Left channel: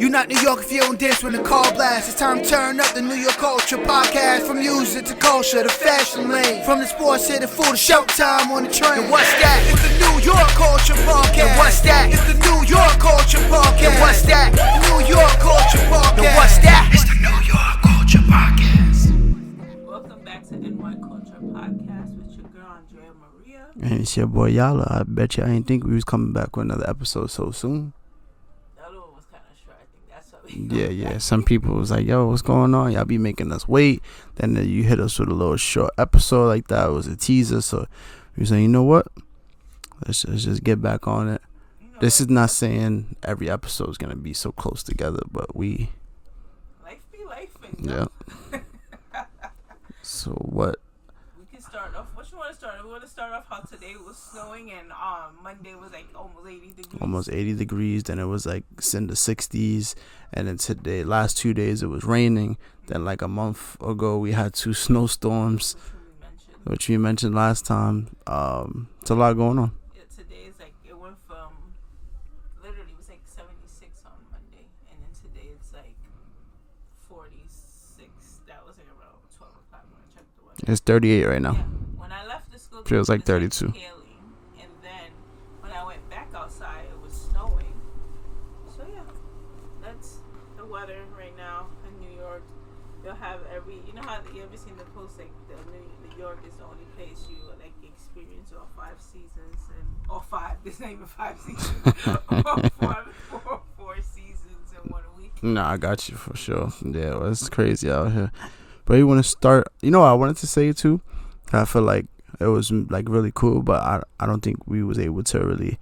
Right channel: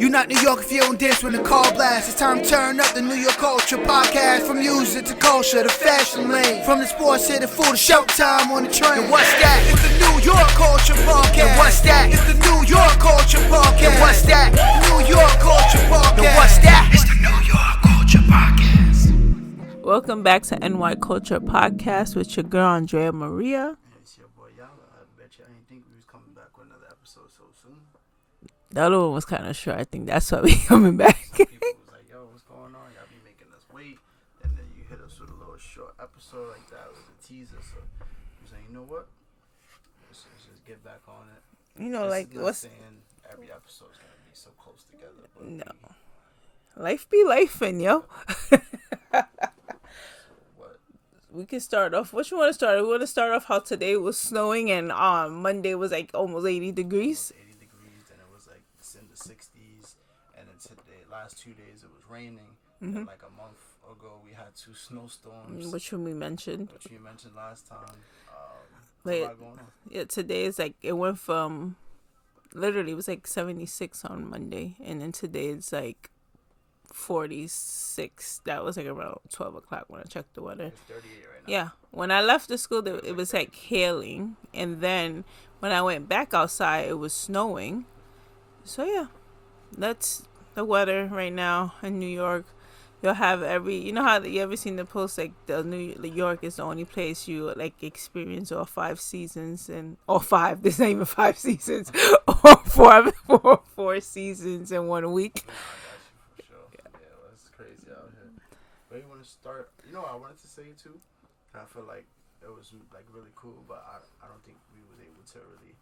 You not New York if you don't dance when the call blasts. It's time to turn up the New York Culture Podcast. From music to culture to fashion lane. From the sports to the food to showtime on the train. And what's that? It's the New York Culture Podcast. And what's that? It's the New York Culture Podcast. And what's that? New York Culture Podcast. And what's that? It's the New York Culture Podcast. Welcome back to NY Culture Podcast with your girl Andrea Maria. And it's your boy Yala. I bet you I didn't think we was coming back with another episode so soon. The other one was kind of short. I think that's why we coming back. Yeah. Some people was like, yo, what's going on? Y'all be making us wait. Then you hit us with a little short episode like that. It was a teaser. So we was like, you know what? Let's just get back on it. This is not saying every episode is going to be so close together, but life be lifing, yo. Yeah. So what? We can start off. What you want to start? We want to start off how today was snowing and Monday was like almost 80 degrees. Almost 80 degrees. Then it was like in the 60s. And then today, last 2 days, it was raining. Mm-hmm. Then like a month ago, we had 2 snowstorms. Which we mentioned last time. It's a lot going on. Yeah, today is like, it went from, literally, it was like 76 on Monday. And then today it's like 46. That was like around 12 o'clock when I checked the weather. It's 38 right now. Yeah. When I left the school, it was like 32. Like hailing. And then when I went back outside, it was snowing. So yeah, that's the weather right now in New York. You'll have you know how you ever seen the post like New York is the only place you like experience all 5 seasons and all 5. There's not even 5 seasons. four seasons in 1 week. No, I got you for sure. Yeah, well, it's crazy out here. But you want to start? You know what I wanted to say too? I feel like it was like really cool, but I don't think we was able to really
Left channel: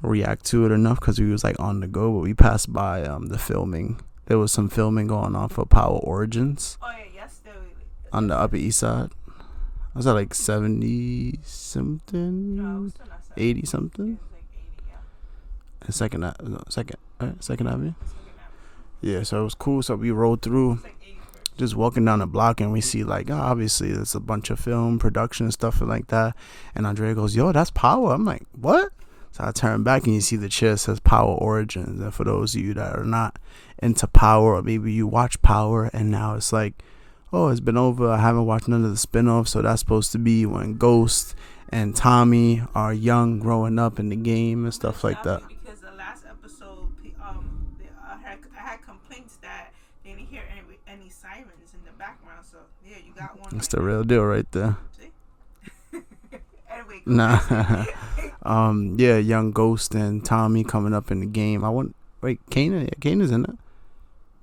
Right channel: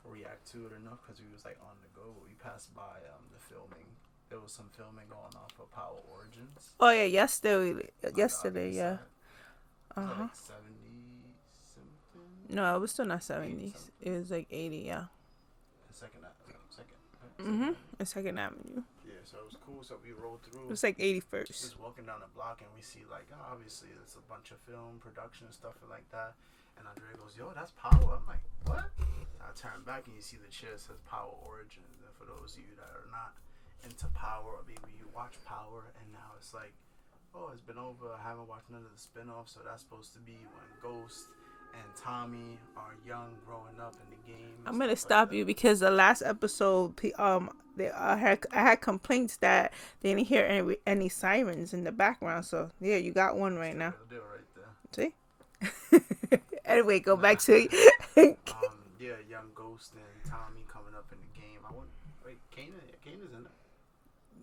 react to it enough because we was like on the go. But we passed by the filming. There was some filming going on for Power Origins. Oh yeah, yesterday on the Upper East Side. Was that like 70 something? No, it was still not 70. 80 something. It was like 80, yeah. Second Avenue. Second Avenue. Yeah, so it was cool. So we rode through. It's like 81st. Just walking down the block, and we see like obviously there's a bunch of film production and stuff like that. And Andrea goes, "Yo, that's Power." I'm like, "What?" So I turn back and you see the chair says Power Origins. And for those of you that are not into Power, or maybe you watch Power and now it's like, oh, it's been over, I haven't watched none of the spin-offs. So that's supposed to be when Ghost and Tommy are young, growing up in the game and stuff like that. I'm gonna stop you because the last episode, I had complaints that they didn't hear any sirens in the background. So yeah, you got one. That's right now. The real deal right there. See. Anyway, back to it. Yeah, young Ghost and Tommy coming up in the game. Kanan is in it.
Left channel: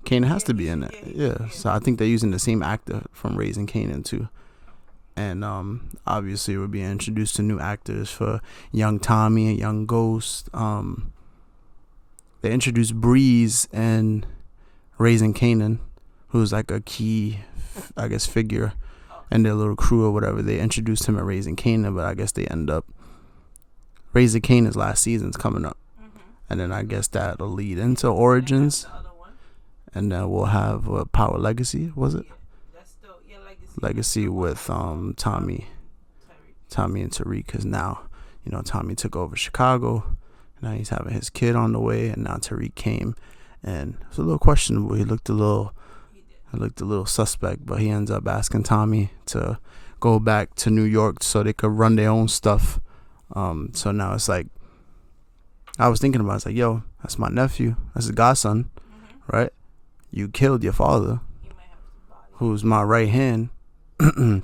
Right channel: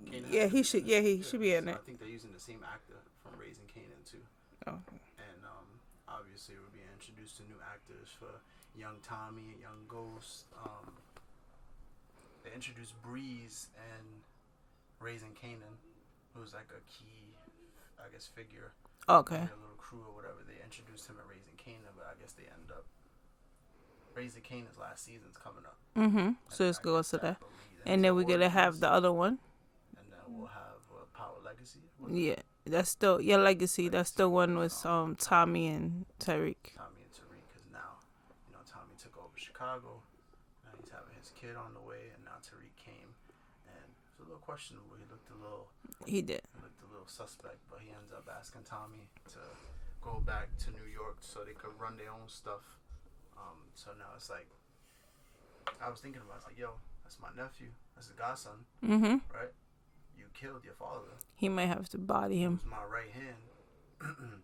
Kanan has to be in it. Yeah, so I think they're using the same actor from Raising Kanan too. Oh. And obviously we're being introduced to new actors for young Tommy and young Ghost. They introduced Breeze and Raising Kanan, who's like a key, I guess, figure. Okay. And their little crew or whatever. They introduced him at Raising Kanan, but I guess they end up Raising Kanan's last season's coming up. Mm-hmm. And so then I guess that'll lead into Origins. And have the other one. And then we'll have Power Legacy, was it? Yeah, that's still Legacy. Legacy that's the with one Tommy and Tariq. Tommy and Tariq, because now, Tommy took over Chicago. Now he's having his kid on the way, and now Tariq came, and it was a little questionable. He looked a little. He did. He looked a little suspect, but he ends up asking Tommy to go back to New York so they could run their own stuff. So now it's like, I was thinking about it, it's like, yo, that's my nephew. That's his godson, right? You killed your father. He might have to body him. Who's my right hand. And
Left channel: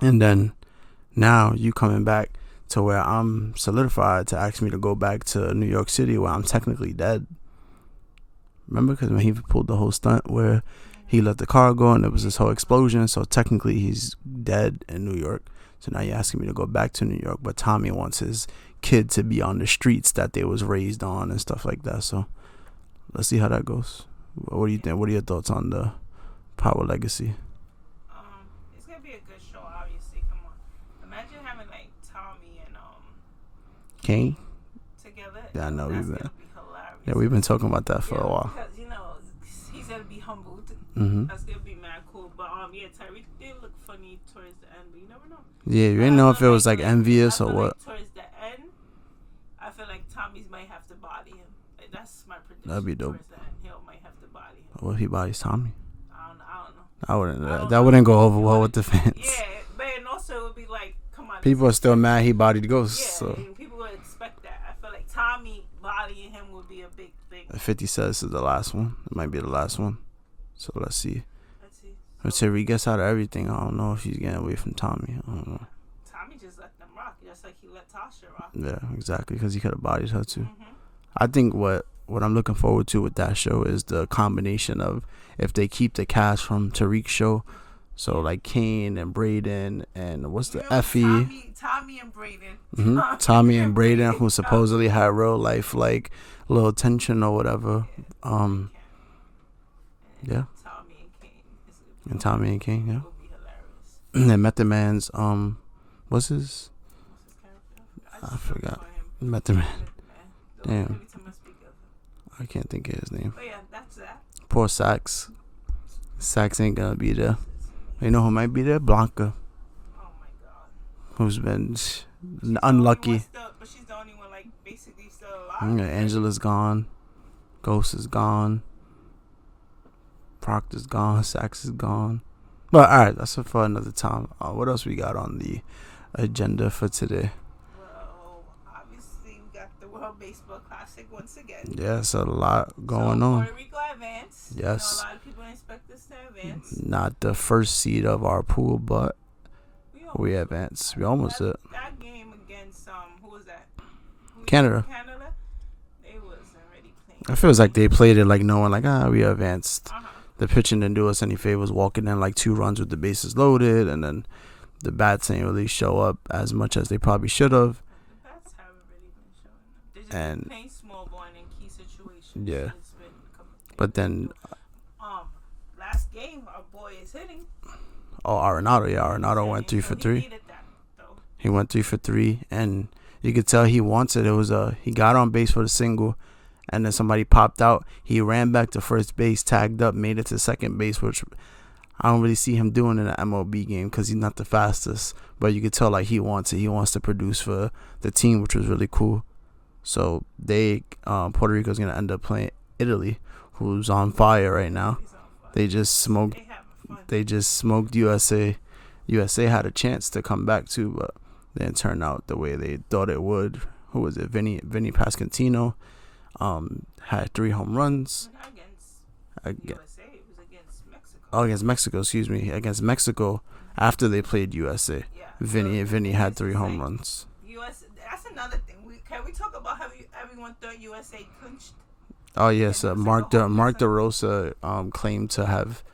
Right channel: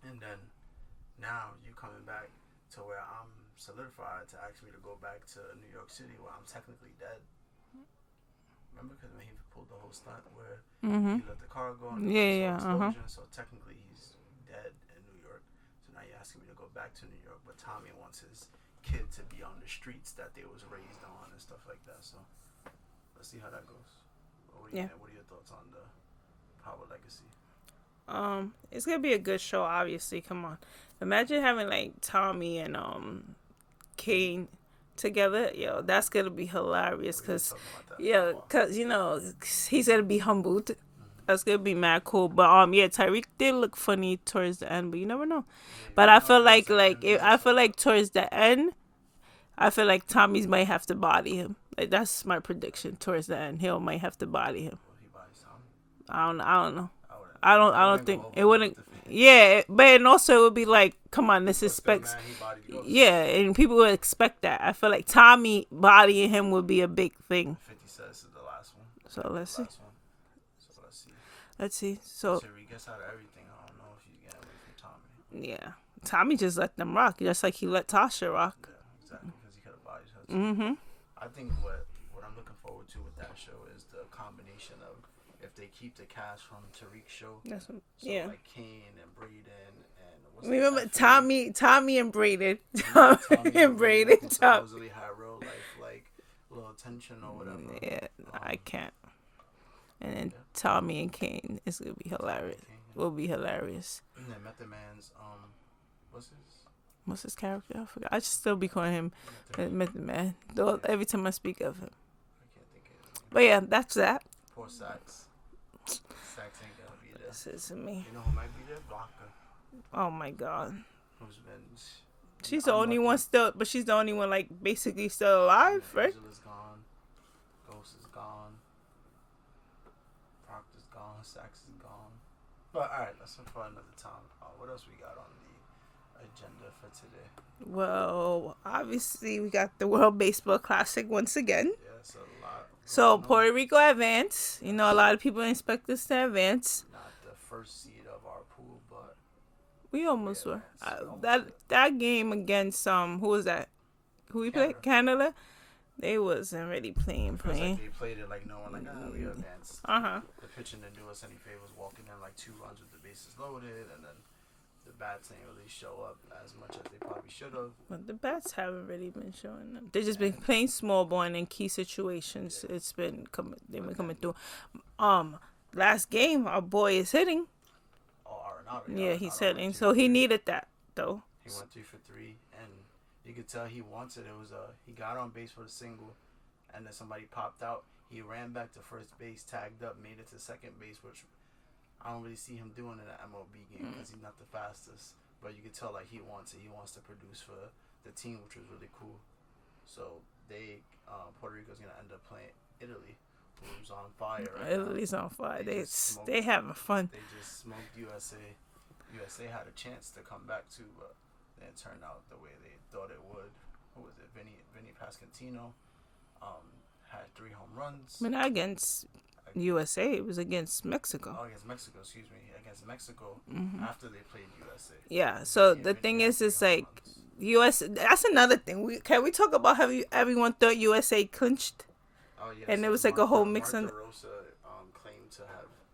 then now you coming back to where I'm solidified to ask me to go back to New York City where I'm technically dead. Remember? Because when he pulled the whole stunt where he let the car go and there was this whole explosion. So technically he's dead in New York. So now you're asking me to go back to New York. But Tommy wants his kid to be on the streets that they was raised on and stuff like that. So let's see how that goes. What do you think? What are your thoughts on the Power Legacy? It's gonna be a good show. Obviously, come on. Imagine having like Tommy and Kane together. Yeah, that's gonna be hilarious. Yeah, we've been talking about that for a while. Because he's gonna be humbled. That's gonna be mad cool. But Tariq did look funny towards the end, but you never know. Yeah, but I feel like envious. I feel like towards the end, I feel like Tommy's might have to body him. Like, that's my prediction towards the end. Hill might have to body him. What if he bodies Tommy? I don't know. That wouldn't go over well with the fans. Yeah, and also it would be like, come on. People are still mad he bodied Ghost. Yeah, so. And people would expect that. I feel like Tommy bodying him would be a big thing. 50 says this is the last one. It might be the last one. So let's see. So Tariq gets out of everything. I don't know if he's getting away from Tommy. Yeah. Tommy just let them rock, just like he let Tasha rock. Yeah, exactly, because he could have bodied her too. Mm-hmm. I think what I'm looking forward to with that show is the combination of if they keep the cast from Tariq's show. So like Kane and Braden and what's the Effie? Tommy and Braden. Mm-hmm. Tommy and Braden, who supposedly had real life like little tension or whatever. Yeah, I can't. And then Tommy and Kane is gonna be hilarious. Tommy and Kane, will be hilarious. And then Method Man's what's his character? I forgot. I just still be calling him Method Man. Every time I speak of him, I can't think of his name. But yeah, that's that. Poor Sax. Sax ain't gonna be there. You know who might be there? Blanca. Oh my God. Who's been she's unlucky. The only one but she's the only one like basically still alive. Yeah, right? Angela's gone. Ghost is gone. Proctor's gone. Sax is gone. But alright, that's for another time. What else we got on the agenda for today? Well, obviously we got the World Baseball Classic once again. Yeah, so a lot going on. So Puerto Rico advanced. Yes. A lot of people expect us to advance. Not the first seed of our pool, but we advanced. We almost did. That game against who was that? Canada. They wasn't really playing. I feel like they played it like knowing like we advanced. The pitching didn't do us any favors, walking in like 2 runs with the bases loaded, and then the bats didn't really show up as much as they probably should have. But the bats haven't really been showing up. They've just been playing small ball and in key situations. Yeah. It's been coming. But then, last game, our boy is hitting. Oh, Arenado. Yeah, Arenado went 3 for 3. So he needed that, though. He went 3 for 3, and you could tell he wants it. It was he got on base for the single, and then somebody popped out. He ran back to first base, tagged up, made it to second base, which I don't really see him doing in an MLB game because he's not the fastest. But you could tell like he wants it. He wants to produce for the team, which was really cool. So Puerto Rico's gonna end up playing Italy, who's on fire right now. Italy's on fire. They just smoked. They having fun. They just smoked USA. USA had a chance to come back too, but didn't turn out the way they thought it would. Who was it? Vinny Pasquantino had 3 home runs. But not against USA. It was against Mexico. Oh, against Mexico. Excuse me. Against Mexico after they played USA. Yeah. Vinny had 3 home runs. US. That's another thing. Can we talk about how everyone thought USA clinched? Oh yeah. So Mark DeRosa claimed to have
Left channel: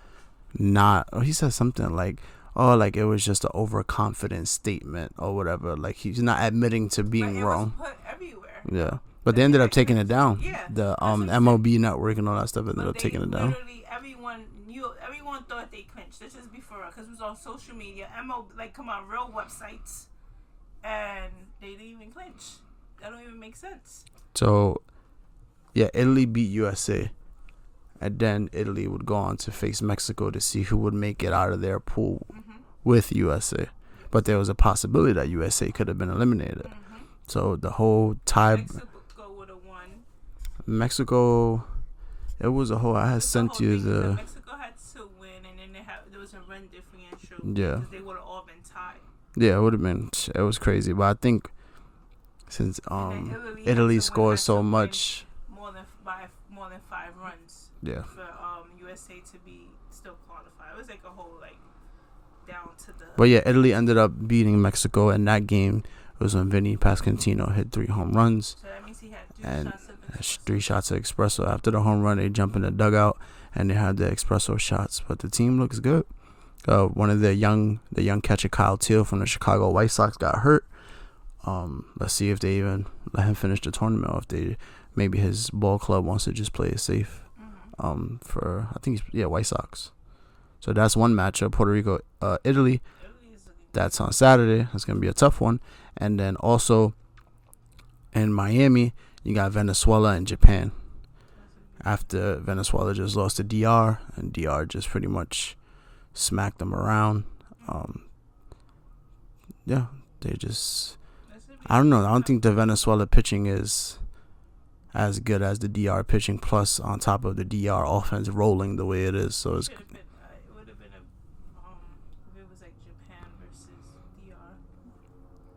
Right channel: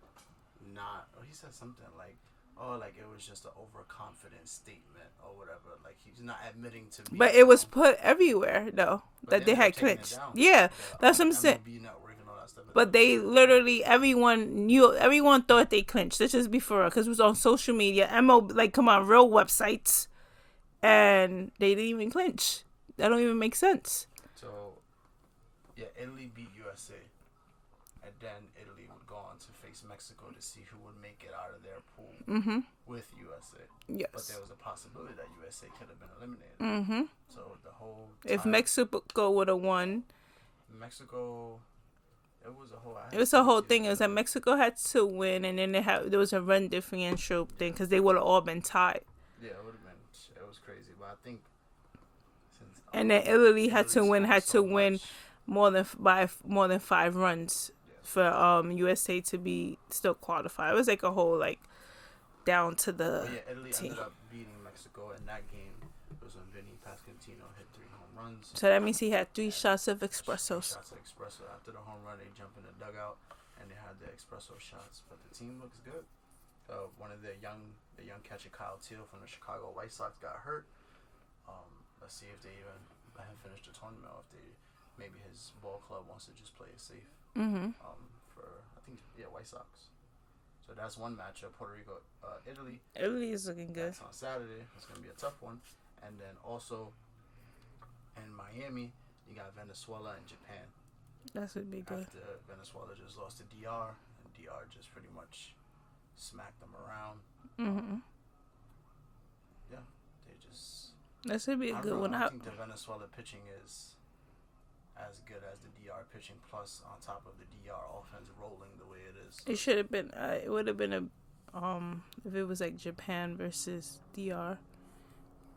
not. He said something like, like it was just an overconfident statement or whatever. Like he's not admitting to being wrong. But it was put everywhere though. But they ended up taking it down. Yeah. The MLB network and all that stuff. But they literally everyone thought they clinched. Let's just be for real, because it was on social media. MLB, come on, real websites, and they didn't even clinch. That don't even make sense. So, yeah, Italy beat USA. And then Italy would go on to face Mexico to see who would make it out of their pool with USA. Yes. But there was a possibility that USA could have been eliminated. Mm-hmm. So the whole tie. If Mexico would have won. Mexico, it was a whole. The whole thing is that Mexico had to win, and then there was a run differential because they would have all been tied. Yeah, it would have been. It was crazy, but I think since and then Italy had to win more than 5 runs for USA to be still qualified. It was like a whole down to the. But yeah, Italy ended up beating Mexico, and that game was when Vinny Pasquantino hit 3 home runs. So that means he had 3 shots of espresso. 3 shots of espresso. After the home run, they jump in the dugout and they had the espresso shots. But the team looks good. One of the young catcher, Kyle Teal from the Chicago White Sox, got hurt. Let's see if they even let him finish the tournament, or if maybe his ball club wants to just play it safe. For I think White Sox. So that's one matchup. Puerto Rico, Italy. Italy is looking good. That's on Saturday. That's gonna be a tough one. And then also in Miami, you got Venezuela and Japan. After Venezuela just lost to DR, and DR just pretty much smacked them around. They just. I don't know. I don't think the Venezuela pitching is as good as the DR pitching, plus on top of the DR offense rolling the way it is. So it should have been. It would have been if it was like Japan versus DR.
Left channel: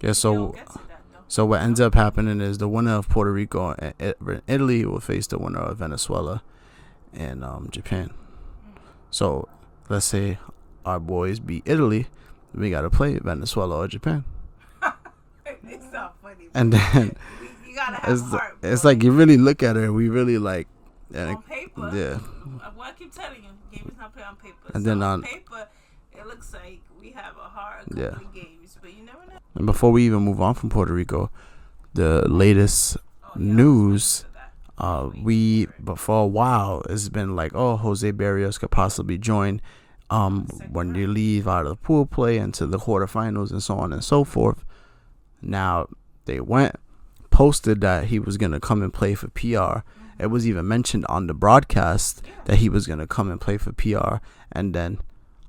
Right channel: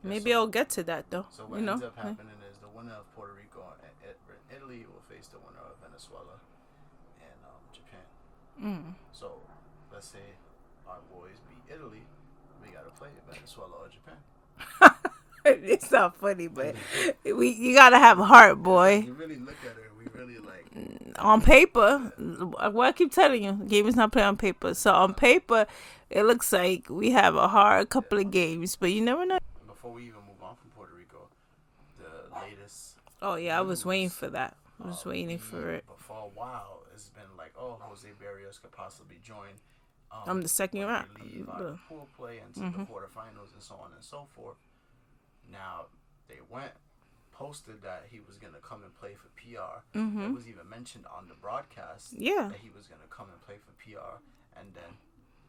Yeah, Maybe so I'll get to that though. So what ends up happening is the winner of Puerto Rico and Italy will face the winner of Venezuela and Japan. So let's say our boys beat Italy, we gotta play Venezuela or Japan. It's not funny, but and then you gotta have heart, boy. It's like you really look at it, we really like on paper. Yeah. What I keep telling you, game is not played on paper. And so on paper, it looks like we have a hard couple of games, but you never know. And before we even move on from Puerto Rico, the latest news. I was waiting for that. But for a while it's been like, Jose Barrios could possibly join when round. you leave out of the pool play into the quarterfinals and so on and so forth. Now they posted that he was gonna come and play for PR. It was even mentioned on the broadcast that he was gonna come and play for PR, and then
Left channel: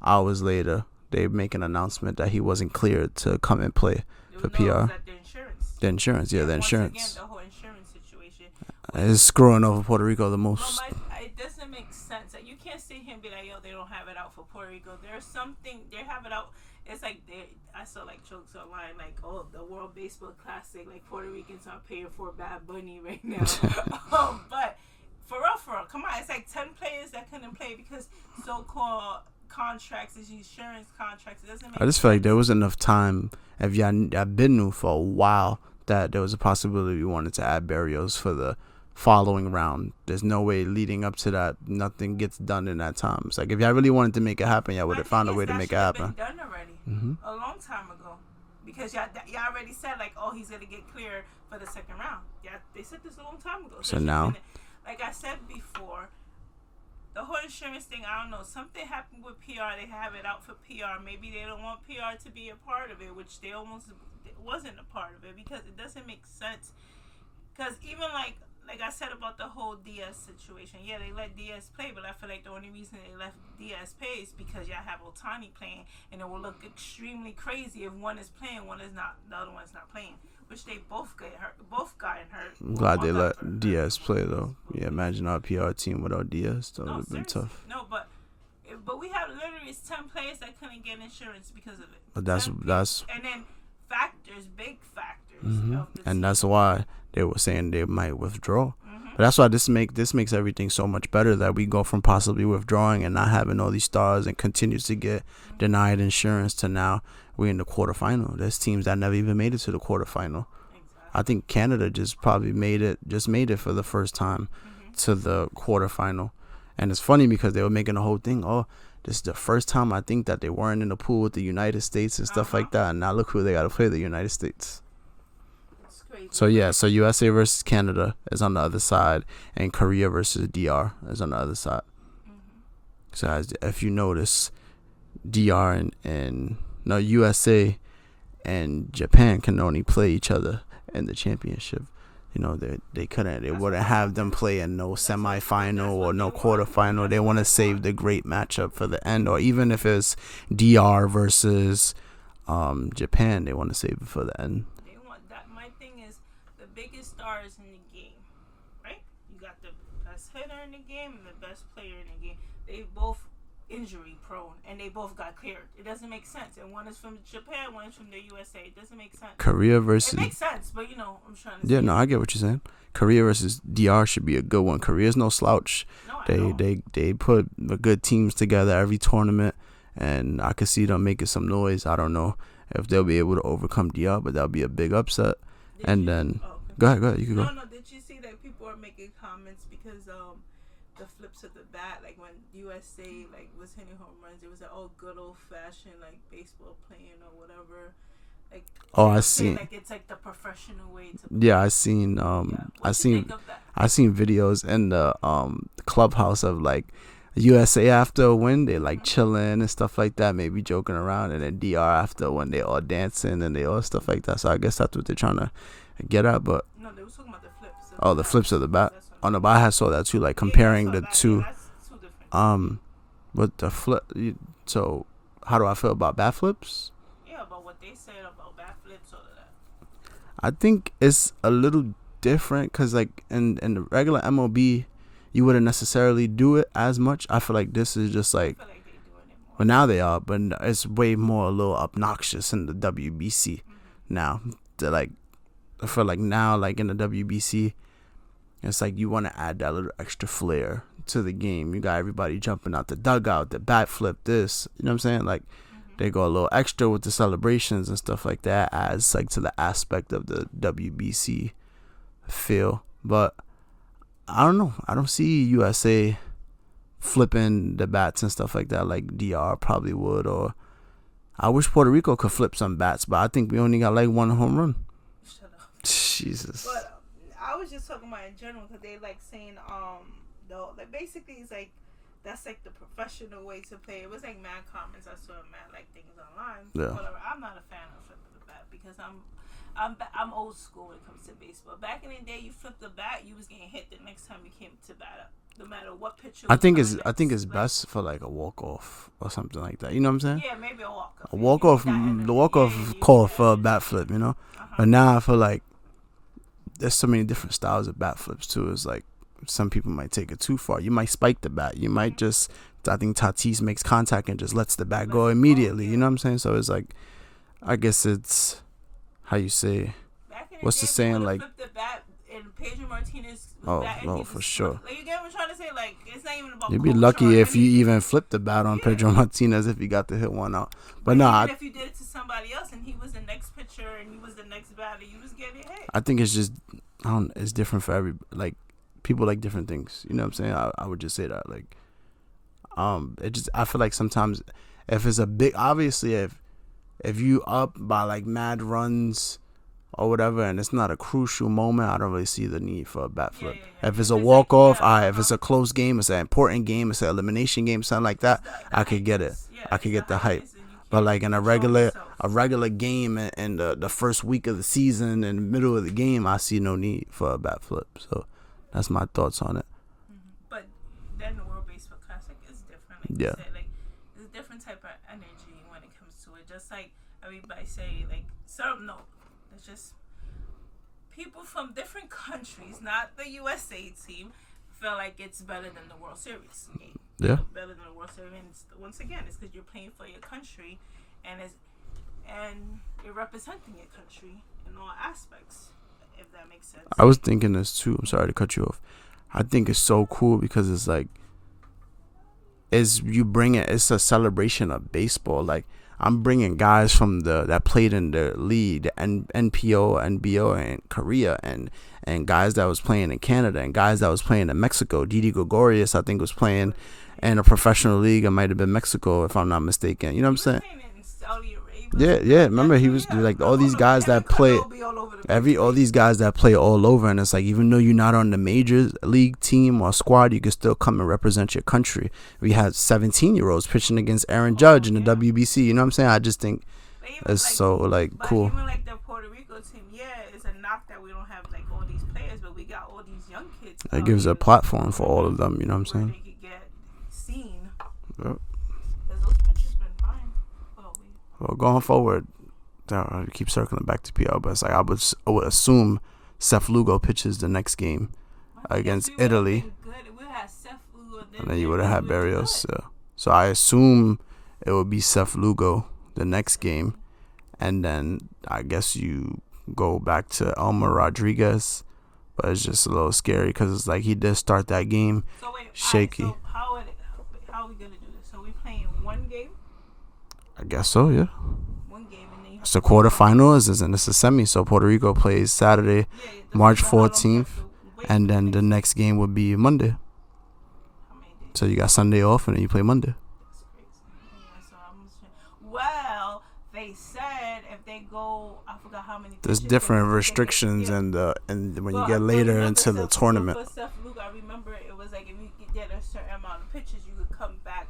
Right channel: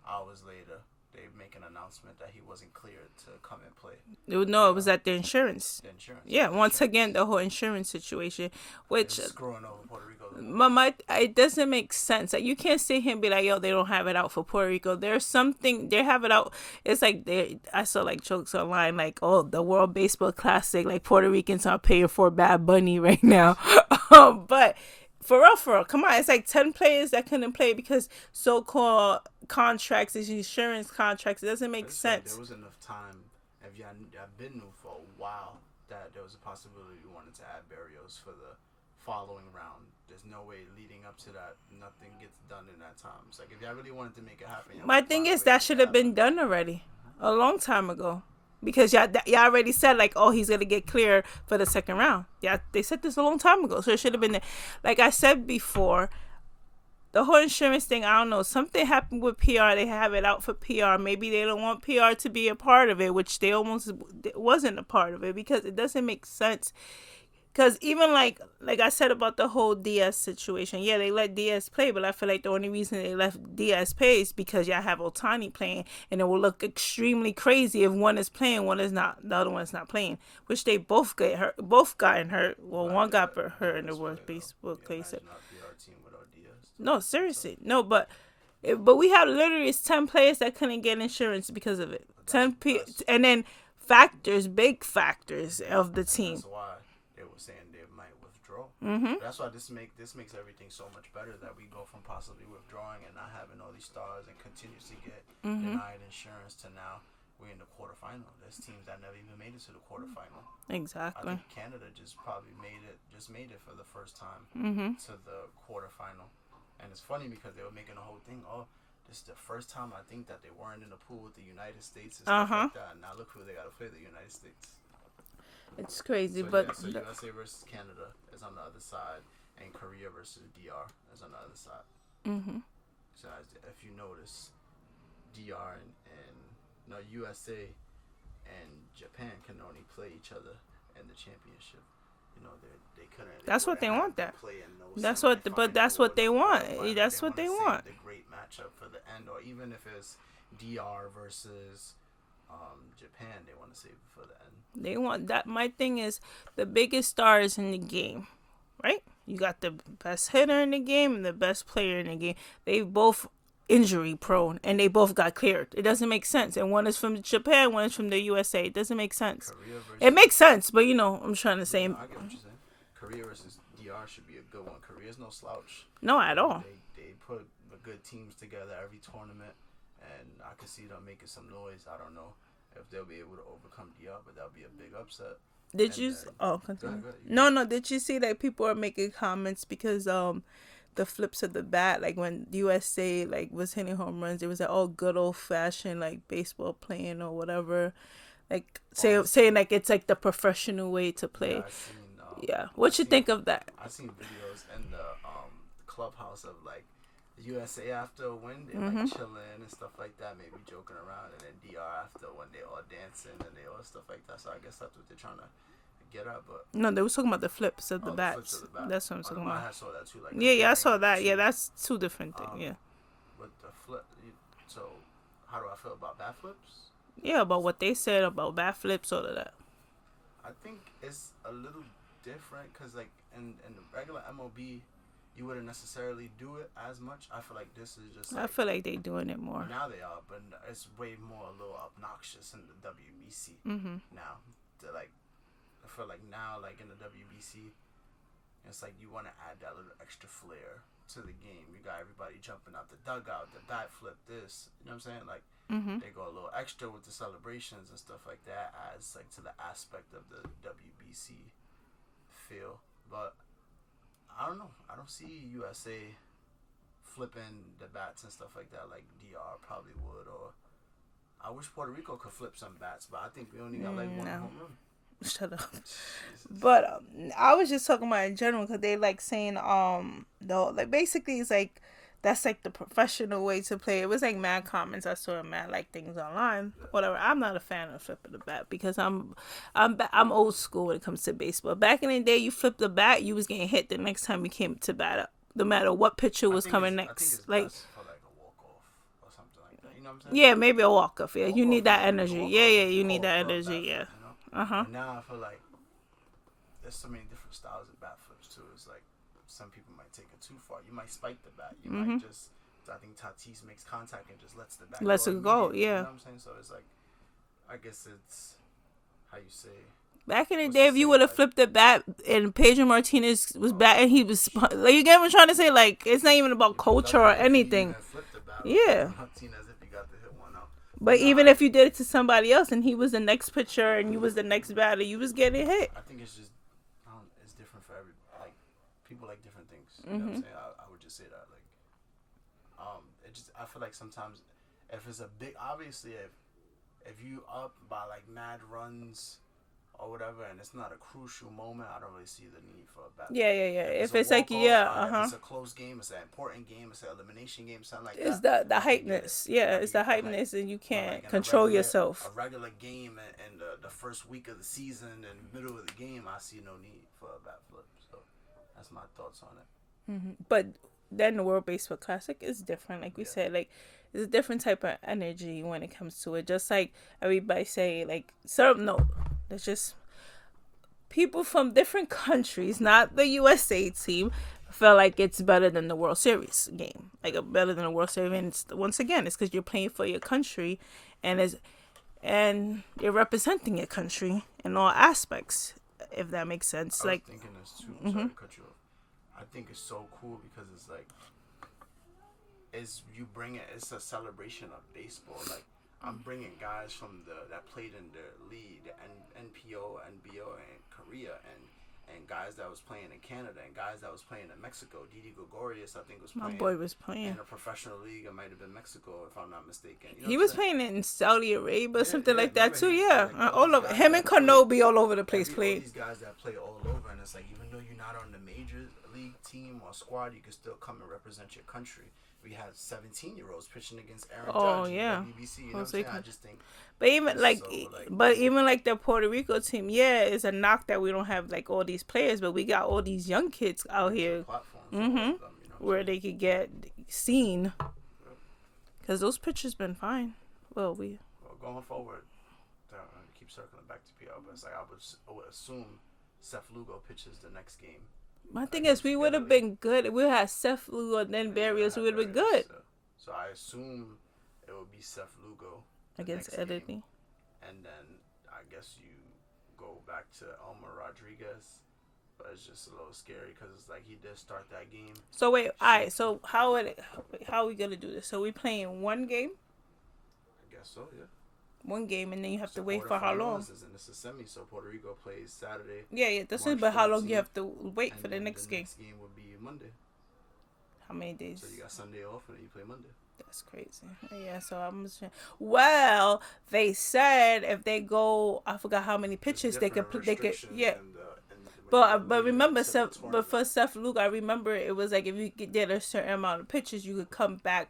hours later they make an announcement that he wasn't cleared to come and play. It was at the insurance. The insurance, once again, the whole insurance situation. Which is screwing over Puerto Rico the most. It doesn't make sense. Like, you can't sit here and be like, yo, they don't have it out for Puerto Rico. There's something, they have it out. It's like, I saw like jokes online, like, the World Baseball Classic, like Puerto Ricans are paying for Bad Bunny right now. But for real, come on. It's like 10 players that couldn't play because so-called contracts, these insurance contracts. It doesn't make sense. I just feel like there was enough time. If y'all been new for a while, that there was a possibility we wanted to add Barrios for the following round. There's no way leading up to that nothing gets done in that time. It's like if y'all really wanted to make it happen, y'all would have found a way to make it happen. My thing is that should have been done already a long time ago, because y'all already said like, he's gonna get cleared for the second round. Yeah, they said this a long time ago, so it should have been there. Like I said before. The whole insurance thing, I don't know. Something happened with PR. They have it out for PR. Maybe they don't want PR to be a part of it, which they almost wasn't a part of it, because it doesn't make sense. Because even like I said about the whole Diaz situation, yeah, they let Diaz play, but I feel like the only reason they left Diaz play is because y'all have Ohtani playing, and it will look extremely crazy if one is playing, one is not, the other one is not playing, which they both gotten hurt. Well, glad they let Diaz play though. Yeah, imagine our PR team without Diaz. No, seriously, no, but we have literally 10 players that couldn't get insurance because of it. But that's and then big factors of the team, and that's why they were saying they might withdraw. But that's why this makes everything so much better, that we go from possibly withdrawing and not having all these stars and continues to get denied insurance to now we're in the quarterfinal. There's teams that never even made it to the quarterfinal. Exactly. I think Canada just made it for the first time to the quarterfinal. And it's funny because they were making a whole thing, this is the first time I think that they weren't in the pool with the United States and stuff like that. And now look who they got to play, the United States. It's crazy. So USA versus Canada is on the other side, and Korea versus DR is on the other side. So if you notice, DR and USA and Japan can only play each other in the championship. They couldn't. They wouldn't have them play in no semifinal or no quarterfinal. They want to save the great matchup for the end, or even if it's DR versus Japan, they want to save it for the end. They want that. My thing is, the biggest stars in the game, right? You got the best hitter in the game and the best player in the game. They both injury prone, and they both got cleared. It doesn't make sense. And one is from Japan, one is from the USA. It doesn't make sense. Korea versus... It makes sense, but I'm trying to say... Yeah, no, I get what you're saying. Korea versus DR should be a good one. Korea's no slouch. No, at all. They put good teams together every tournament, and I could see them making some noise. I don't know if they'll be able to overcome DR, but that'll be a big upset. Go ahead. You can go. Did you see that people are making comments because the flips of the bat, like when USA was hitting home runs, it was like good old fashioned baseball playing or whatever. Saying it's like the professional way to play. Yeah, I seen What you think of that? I seen videos in the clubhouse of USA after a win, they chilling and stuff like that, maybe joking around, and then DR after a win, they all dancing and they all stuff like that. So I guess that's what they're trying to get at. But no, they were talking about the flips of the flips of the bat. That's what I'm but I saw that too, comparing the two. Yeah, that's two different. But the flip. So how do I feel about bat flips? Yeah, about what they said about bat flips, all of that. I think it's a little different because like in the regular MLB, you wouldn't necessarily do it as much. I feel like this is just like, I feel like they doing it more. But now they are, but it's way more a little obnoxious in the WBC now. They're like, I feel like now, like in the WBC, it's like you want to add that little extra flair to the game. You got everybody jumping out the dugout, the bat flip, this. You know what I'm saying? Like they go a little extra with the celebrations and stuff like that, adds like to the aspect of the WBC feel. But I don't know. I don't see USA flipping the bats and stuff like that like DR probably would. Or I wish Puerto Rico could flip some bats, but I think we only got like one home run. Shut up. Jesus. But I was just talking about in general because they like saying no, like basically it's like that's like the professional way to play. It was like mad comments I saw, mad like things online. Yeah. Whatever. I'm not a fan of flipping the bat because I'm old school when it comes to baseball. Back in the day, you flipped the bat, you was getting hit the next time you came to bat up, no matter what pitcher was coming next. I think it's like, best for like a walk off or something like that. You know what I'm saying? Yeah, maybe a walk off. Yeah. You need that energy. The walk off call for a bat flip. You know. But now I feel like there's so many different styles of bat flips too. It's like some people might take it too far. You might spike the bat. You might just, I think Tatis makes contact and just lets the bat go immediately. You know what I'm saying? So it's like, I guess it's how you say. Back in the day, if you would have flipped the bat and Pedro Martinez was batting, he was sure. Like, you get what I'm trying to say? Like, it's not even about You'd culture be lucky or if anything. you even flipped the bat on Pedro Martinez if you got to hit one out. But even if you did it to somebody else and he was the next pitcher and you was the next batter, you was getting hit. I think it's just, it's different for every, like, people like different things. You know what I'm saying? I would just say that. Like, it just, I feel like sometimes if it's a big, obviously if you up by like mad runs or whatever and it's not a crucial moment, I don't really see the need for a bat flip. Yeah. If it's a walk off, if it's a close game, it's an important game, it's an elimination game, something like that, I could get it. Yeah, I could get the hype. But like in a regular game in the first week of the season, in the middle of the game, I see no need for a bat flip. So that's my thoughts on it. But then the World Baseball Classic is different, like you said. Like, it's a different type of energy when it comes to it. Just like everybody say, like, there's just people from different countries, not the USA team, feel like it's better than the World Series game. Like, better than the World Series. And once again, it's because you're playing for your country, and you're representing your country in all aspects, if that makes sense. I was thinking this too. I'm sorry to cut you off. I think it's so cool because it's like, it's a celebration of baseball. Like, I'm bringing guys from that played in the league, the NPO, NBO in Korea, and guys that was playing in Canada, and guys that was playing in Mexico. Didi Gregorius, I think, was playing in a professional league. It might have been Mexico, if I'm not mistaken. You know what I'm saying? He was playing in Saudi Arabia. Yeah. Remember, he was like all these guys that play all over the place. All these guys that play all over, and it's like even though you're not on the major league team or squad, you can still come and represent your country. We had 17-year-olds pitching against Aaron Judge in the WBC. You know what I'm saying? I just think. But even it's cool. Even like the Puerto Rico team, it's a knock that we don't have like all these players, but we got all these young kids. It gives a platform for all of them. You know what I'm saying? Where they could get seen. Because those pitchers been fine. Well, going forward, I keep circling back to PL, but it's like I would assume Seth Lugo pitches the next game against Italy. We would have been good. We had Seth Lugo, then you would have had Barrios. So I assume it would be Seth Lugo the next game, and then I guess you go back to Elmer Rodriguez, but it's just a little scary because it's like he did start that game. So wait, alright, so how are we gonna do this? So we playing one game? I guess so, yeah. One game, and then you have to quarterfinals, and it's a semi. So Puerto Rico plays Saturday, March 14th, and then the next game would be Monday. How many days? So you got Sunday off, and then you play Monday. So they said if they go, I forgot how many pitches. There's different restrictions, and when you get later into the tournament. For Seth Lugo, I remember it was like if you did a certain amount of pitches, you could come back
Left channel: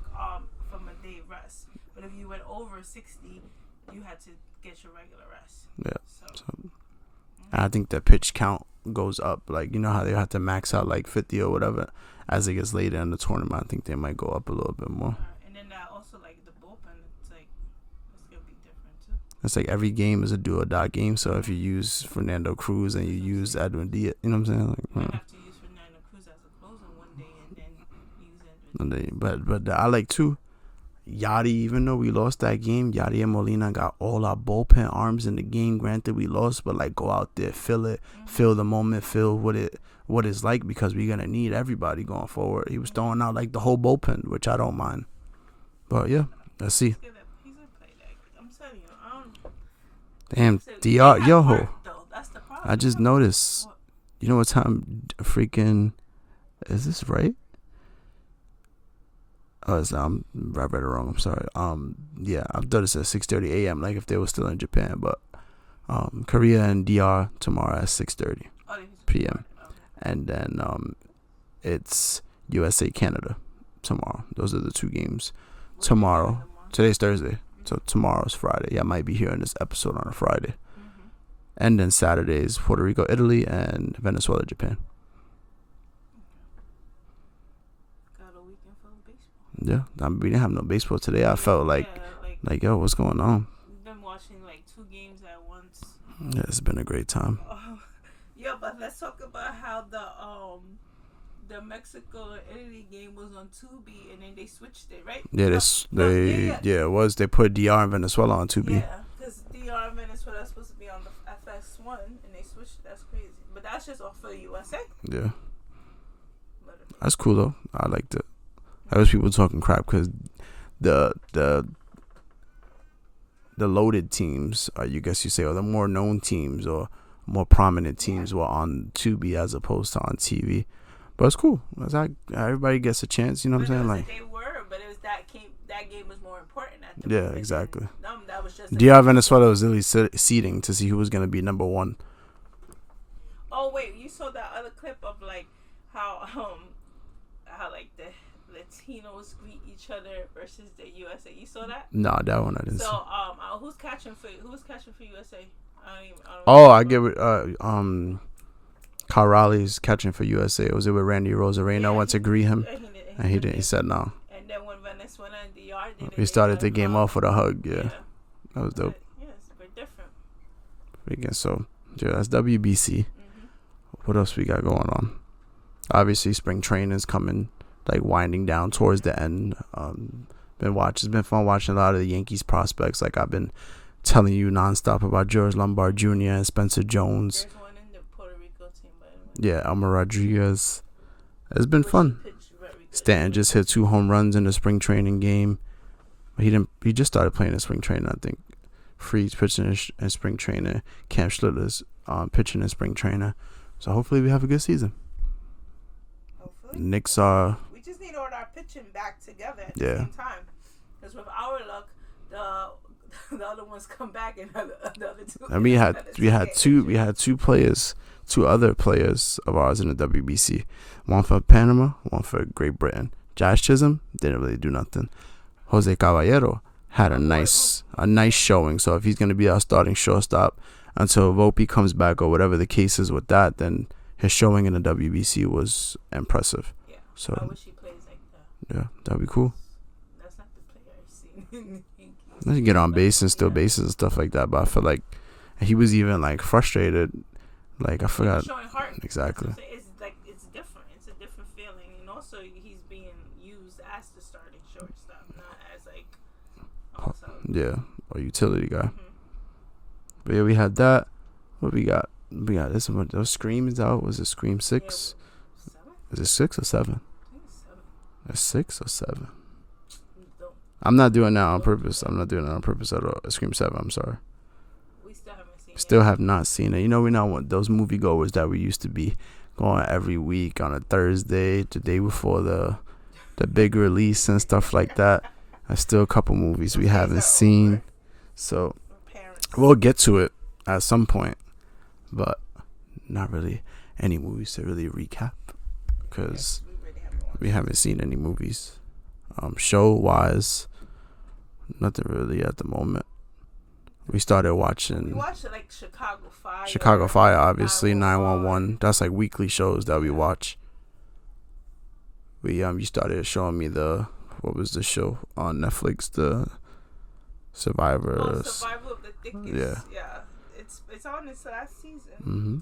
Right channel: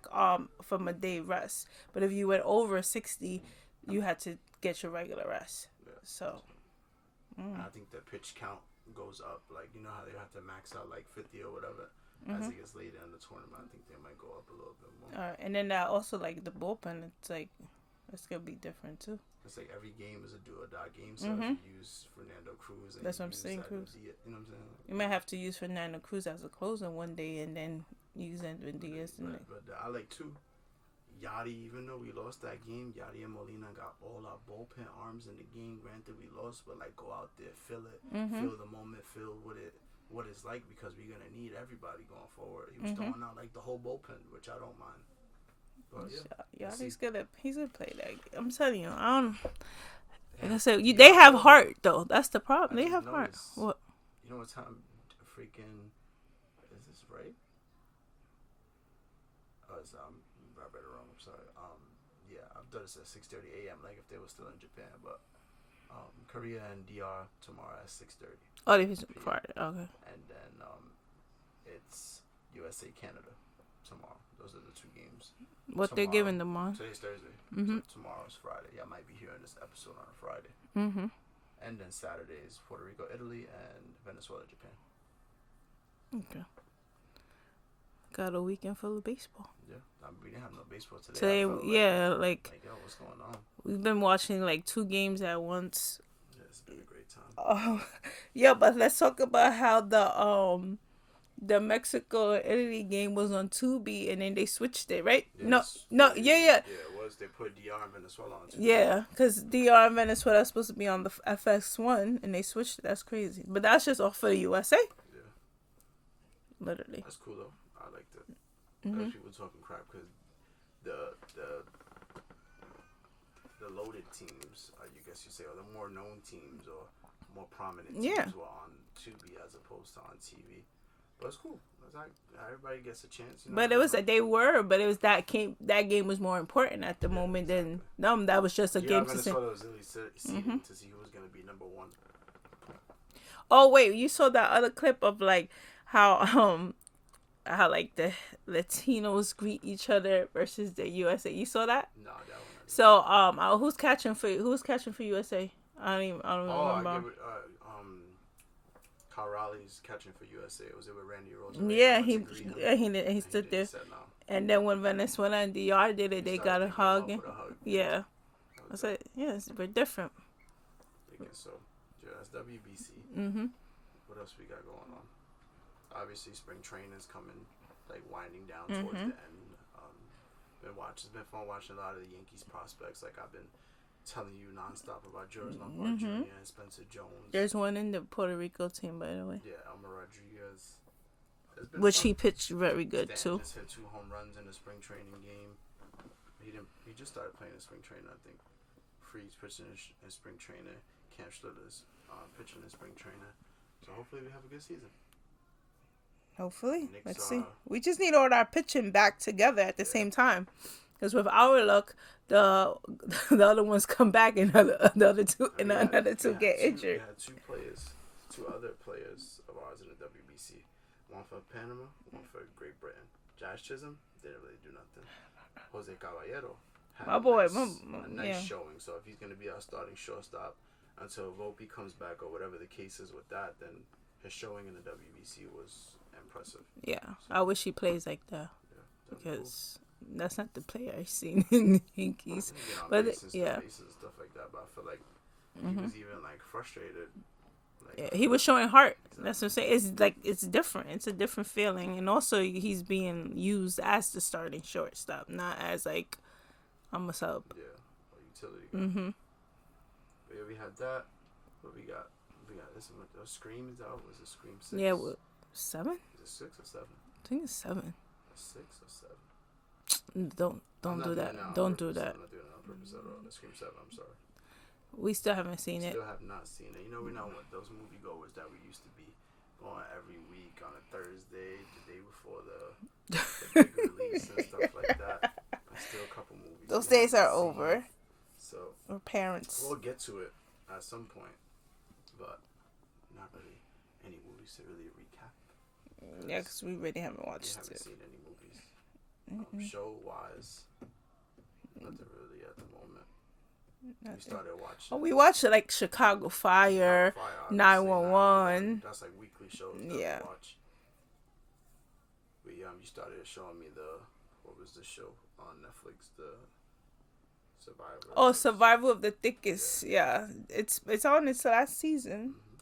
from a day rest. But if you went over 60, you had to get your regular rest. Yeah. So I think the pitch count goes up. Like, you know how they have to max out like 50 or whatever. As it gets later in the tournament, I think they might go up a little bit more. And then also like the bullpen, it's like It's gonna be different too. It's like every game is a do or die game. So if you use Fernando Cruz and you use Edwin Diaz, you know what I'm saying? Like, you might have to use Fernando Cruz as a closer one day and then use Edwin Diaz. But I like too. Yachty, even though we lost that game, Yachty and Molina got all our bullpen arms in the game. Granted, we lost, but like go out there, feel it, feel the moment, feel what it's like, because we're gonna need everybody going forward. He was throwing out like the whole bullpen, which I don't mind. But yeah, let's see. He's gonna play that. I'm telling you, I don't. Damn, they have heart though. That's the problem. I just noticed. You know what time? Freaking, is this right? Oh, I read it wrong. I'm sorry. Yeah, I thought it said 6:30 a.m. Like if they were still in Japan, but Korea and DR tomorrow at 6:30 p.m. Okay. And then it's USA Canada tomorrow. Those are the two games. What tomorrow. Today's Thursday, so tomorrow's Friday. Yeah, I might be hearing this episode on a Friday. And then Saturday is Puerto Rico, Italy, and Venezuela, Japan. Okay. Got a weekend full of baseball. Yeah, we didn't have no baseball today. I felt like yo, what's going on? We've been watching like 2 games at once. Yeah, it's been a great time. Yeah, but let's talk about how the Mexico and Italy game was on Tubi, and then they switched it, right? Yeah, it was. They put DR and Venezuela on Tubi. Yeah, because DR and Venezuela are supposed to be on the FX1, and they switched it. That's crazy. But that's just off for the USA. Yeah. Literally. That's cool though. I liked it. There was people talking crap because the loaded teams, you guess you say, or the more known teams or more prominent teams were on Tubi as opposed to on TV. But it's cool. It's like everybody gets a chance, you know. But it was that game was more important at the moment. Exactly. That was just DR Venezuela was really seeding to see who was gonna be number 1. Oh wait, you saw that other clip of like how like the Latinos greet each other versus the USA. You saw that? No, that one I didn't. So who's catching for USA? I get it. Kyle Raleigh's catching for USA. Was it with Randy Rosarena? I went to greet him. Yeah, he said no. And then when Venezuela and DR did it, he started the game off with a hug. Yeah. That was dope. We're different. So, yeah, that's WBC. What else we got going on? Obviously, spring training is coming, like winding down towards the end. It's been fun watching a lot of the Yankees prospects. Like I've been telling you nonstop about George Lombard Jr. and Spencer Jones. There's one in the Puerto Rico team, by the way. Yeah, Elmer Rodriguez. It's been fun. He pitched very good. Stanton just hit 2 home runs in the spring training game. But he just started playing in spring training, I think. Freeze pitching in spring training. Cam Schlittler's pitching in spring training. So hopefully we have a good season. Hopefully. Knicks we just need all our pitching back together at the same time. Because with our luck, the other ones come back and the other two. And we had two other players of ours in the WBC. One for Panama, one for Great Britain. Josh Chisholm didn't really do nothing. Jose Caballero had a nice showing. So if he's gonna be our starting shortstop until Volpe comes back or whatever the case is with that, then his showing in the WBC was impressive. Yeah. So I wish he plays like that. Yeah, that'd be cool. That's not the player I've seen in the Yankees. He get on base and steal bases and stuff like that, but I feel like he was even like frustrated. Like I feel he was showing heart. Exactly. That's what I'm saying. It's like it's different. It's a different feeling, and also he's being used as the starting shortstop, not as like almost a or utility guy. But yeah, we had that. What we got? We got this one. Those Scream is out. Was it Scream 6? Yeah, 7? Is it 6 or 7? I think it's 7. It's 6 or 7. I'm not doing that on purpose. I'm not doing that on purpose at all. Scream 7. I'm sorry. We still haven't seen it. Still have not seen it. You know, we're not one those moviegoers that we used to be going every week on a Thursday, the day before the big release and stuff like that. There's still a couple movies we haven't seen. Over. So we'll get to it at some point, but not really any movies to really recap because we haven't seen any movies. Show wise, nothing really at the moment. We started watching. We watched like Chicago Fire. Chicago Fire, obviously 911. That's like weekly shows that we watch. You started showing me what was the show on Netflix? Survivor. Oh, Survival of the Thickest. Yeah. It's on its last season. Mm-hmm.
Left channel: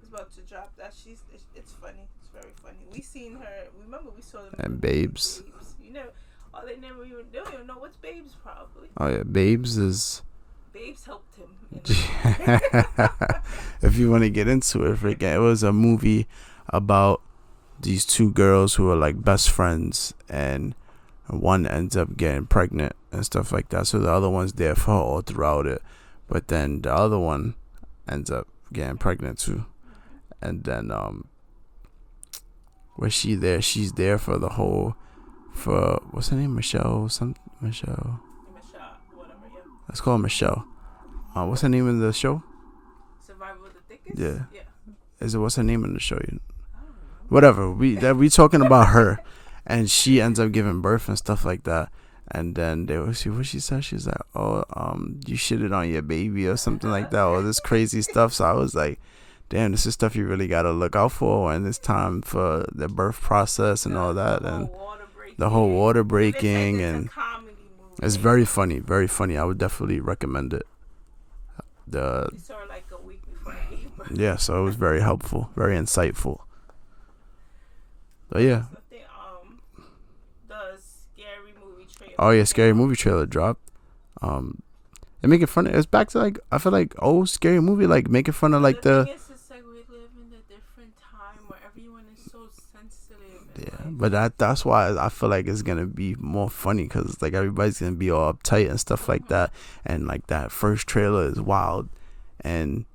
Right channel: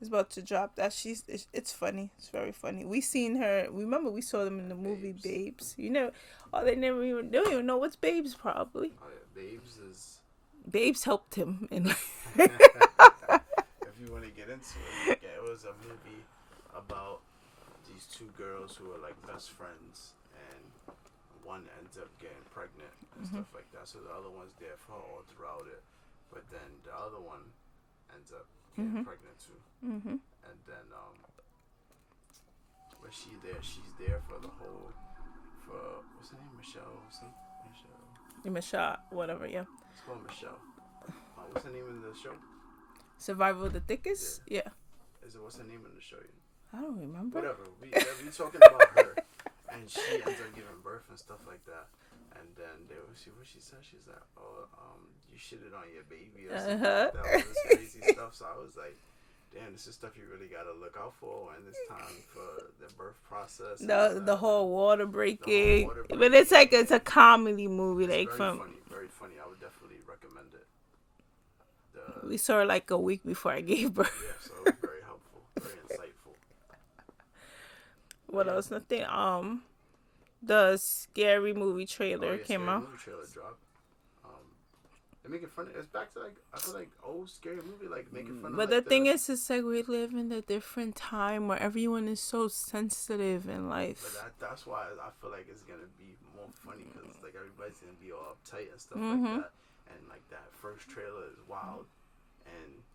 It's about to drop. It's funny. It's very funny. We seen her. Remember we saw them in And the Babes. movie Babes. You know, they don't even know what's Babes probably. Oh yeah, Babes is. Babes helped him. If you want to get into it, forget it was a movie about these two girls who are like best friends, and one ends up getting pregnant and stuff like that. So the other one's there for her all throughout it, but then the other one ends up getting pregnant too. Mm-hmm. And then was she there? She's there for the whole, for what's her name? Michelle, whatever. Yeah. Let's call her Michelle. What's her name in the show? Survival of the Thickest. Yeah. What's her name in the show? I don't remember. Whatever. We talking about her, and she ends up giving birth and stuff like that. And then they will see what she said. She's like, "Oh, you shitted on your baby" or something like that, or this crazy stuff. So I was like, "Damn, this is stuff you really gotta look out for when it's time for the birth process and all that." The whole water breaking. But it's like it's a comedy movie. It's very funny, very funny. I would definitely recommend it. We saw her like a week before I gave birth. Yeah, so it was very helpful, very insightful. What else? Nothing. The Scary Movie trailer. Oh yeah, Scary Movie trailer dropped. They're making fun of. It's back to like, I feel like old Scary Movie, like making fun of like the thing is, it's like we live in a different time where everyone is so sensitive in life. But that's why I feel like it's gonna be more funny, because like everybody's gonna be all uptight and stuff like that, and like that first trailer is wild, and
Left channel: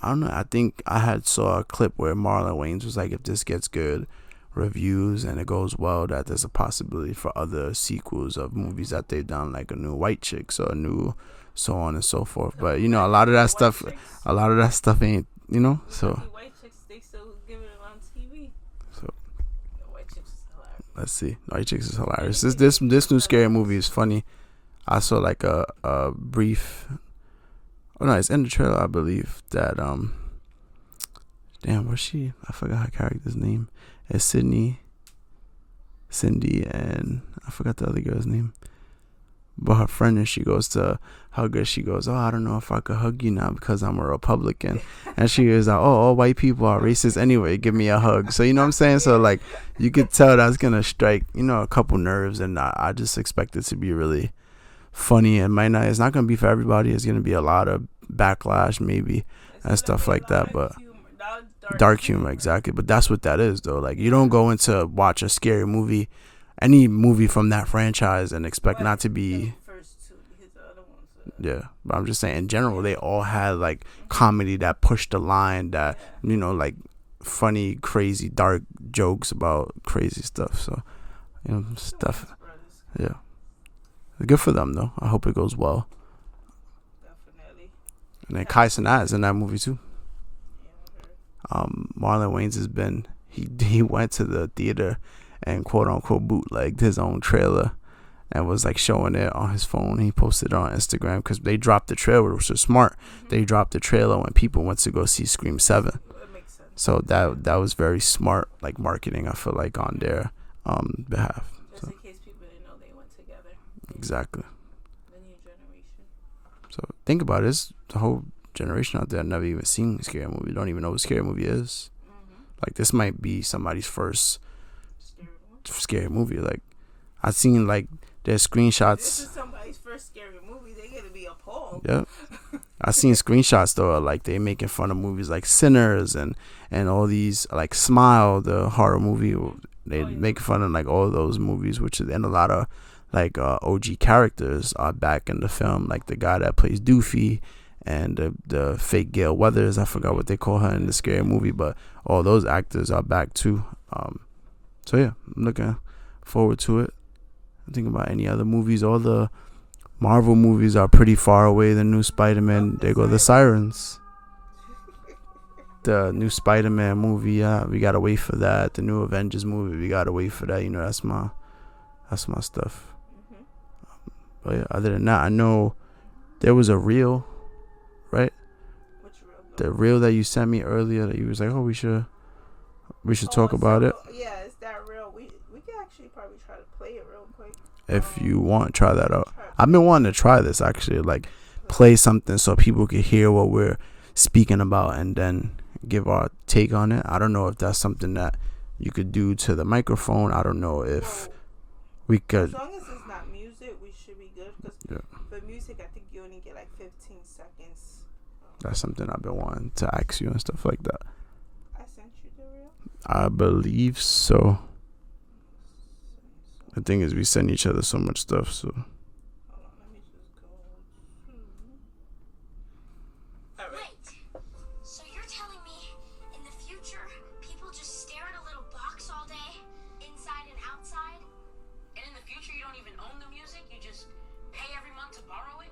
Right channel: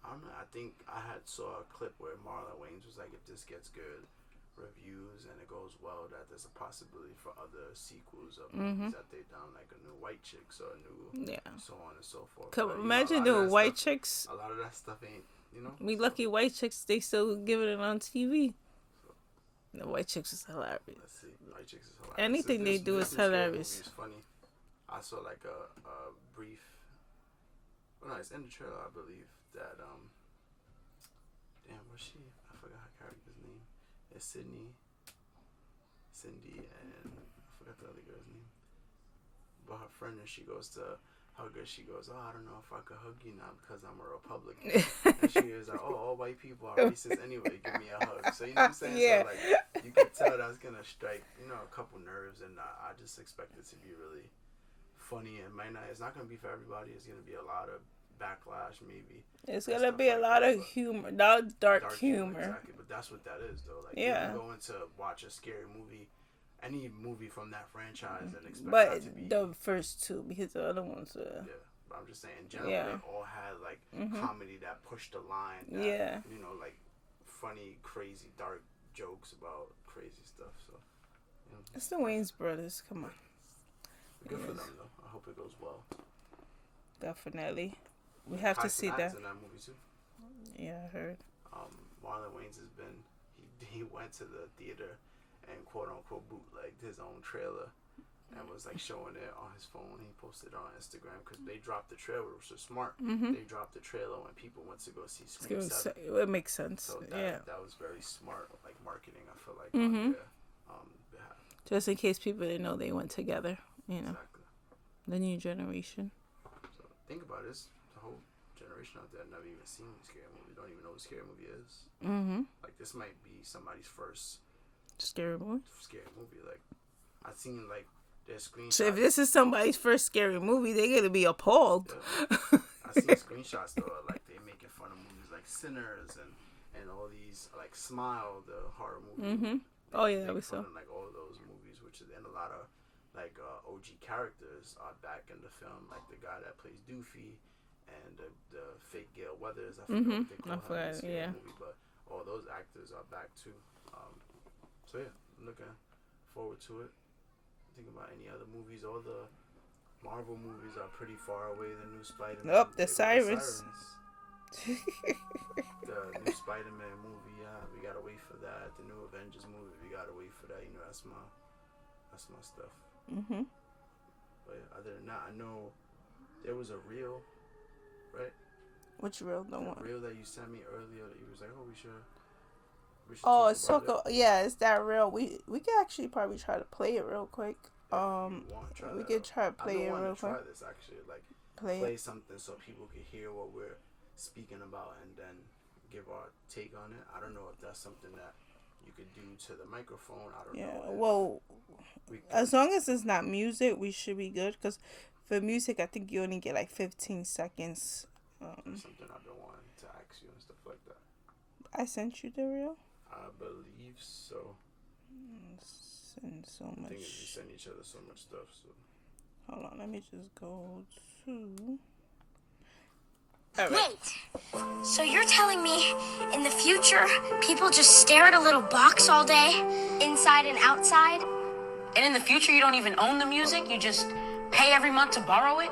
I don't know. I think I saw a clip where Marlon Wayans was like, if this gets good reviews and it goes well, that there's a possibility for other sequels of movies that they've done, like a new White Chicks or a new so on and so forth. But you know, a lot of that stuff ain't, you know. Lucky White Chicks, they still giving it on TV. So the White Chicks is hilarious. Let's see, White Chicks is hilarious. This new Scary Movie is funny. I saw like a brief. Oh no, it's in the trailer, I believe. That damn, what's she? I forgot her character's name. It's Cindy, and I forgot the other girl's name. But her friend, and she goes to hug her. She goes, "Oh, I don't know if I could hug you now because I'm a Republican." And she was like, "Oh, all white people are racist anyway. Give me a hug." So you know what I'm saying? So like, you could tell that's gonna strike, you know, a couple nerves, and I just expect it to be really funny. And it's not gonna be for everybody. It's gonna be a lot of backlash maybe and stuff like that, but dark humor, exactly. But that's what that is though. Like you don't go into watch a scary movie, any movie from that franchise, and expect not to be the first two, because the other ones but I'm just saying in general they all had like comedy that pushed the line, that you know, like funny, crazy, dark jokes about crazy stuff. So you know, stuff. Good for them though. I hope it goes well. Definitely. And then Kai Cenat is in that movie too. Yeah, I heard. Marlon Wayans has been, he went to the theater and quote unquote bootlegged his own trailer and was like showing it on his phone. He posted it on Instagram because they dropped the trailer, which was smart. They dropped the trailer when people went to go see Scream 7. It makes sense. So that was very smart, like marketing, I feel like, on their behalf. Just in case people didn't know they went together. Exactly. The new generation. So think about it. There's the whole generation out there never even seen a scary movie. Don't even know what a scary movie is. Like this might be somebody's first scary movie. Like I've seen like there's screenshots. If this is somebody's first scary movie, they're gonna be appalled. Yeah, I've seen screenshots though. Like they making fun of movies like Sinners and all these, like Smile, the horror movie. They make fun of like all those movies, which is, and a lot of like OG characters are back in the film, like the guy that plays Doofy and the fake Gail Weathers. I forgot what they call her in the scary movie, but all those actors are back too. So yeah, I'm looking forward to it. I'm thinking about any other movies. All the Marvel movies are pretty far away. The new Spider-Man, they go the Sirens. The new Spider-Man movie, we gotta wait for that. The new Avengers movie, we gotta wait for that. You know, that's my stuff. But yeah, other than that, I know there was a reel, right? Which reel? The reel that you sent me earlier, that you was like, oh, we should We should talk about it. Yeah, is that real? We can actually probably try to play it real quick. If you want, try that out. I've been wanting to try this actually, like play something so people can hear what we're speaking about and then give our take on it. I don't know if that's something that you could do to the microphone. I don't know if we could. As long as it's not music, we should be good. Because for music, I think you only get like 15 seconds. That's something I've been wanting to ask you and stuff like that. I sent you the reel? I believe so. The thing is, we send each other so much stuff, so. Hold on, let me just go to. Right. Wait, so you're telling me in the future, people just stare at a little box all day, inside and outside? And in the future, you don't even own the music, you just pay every month to borrow it?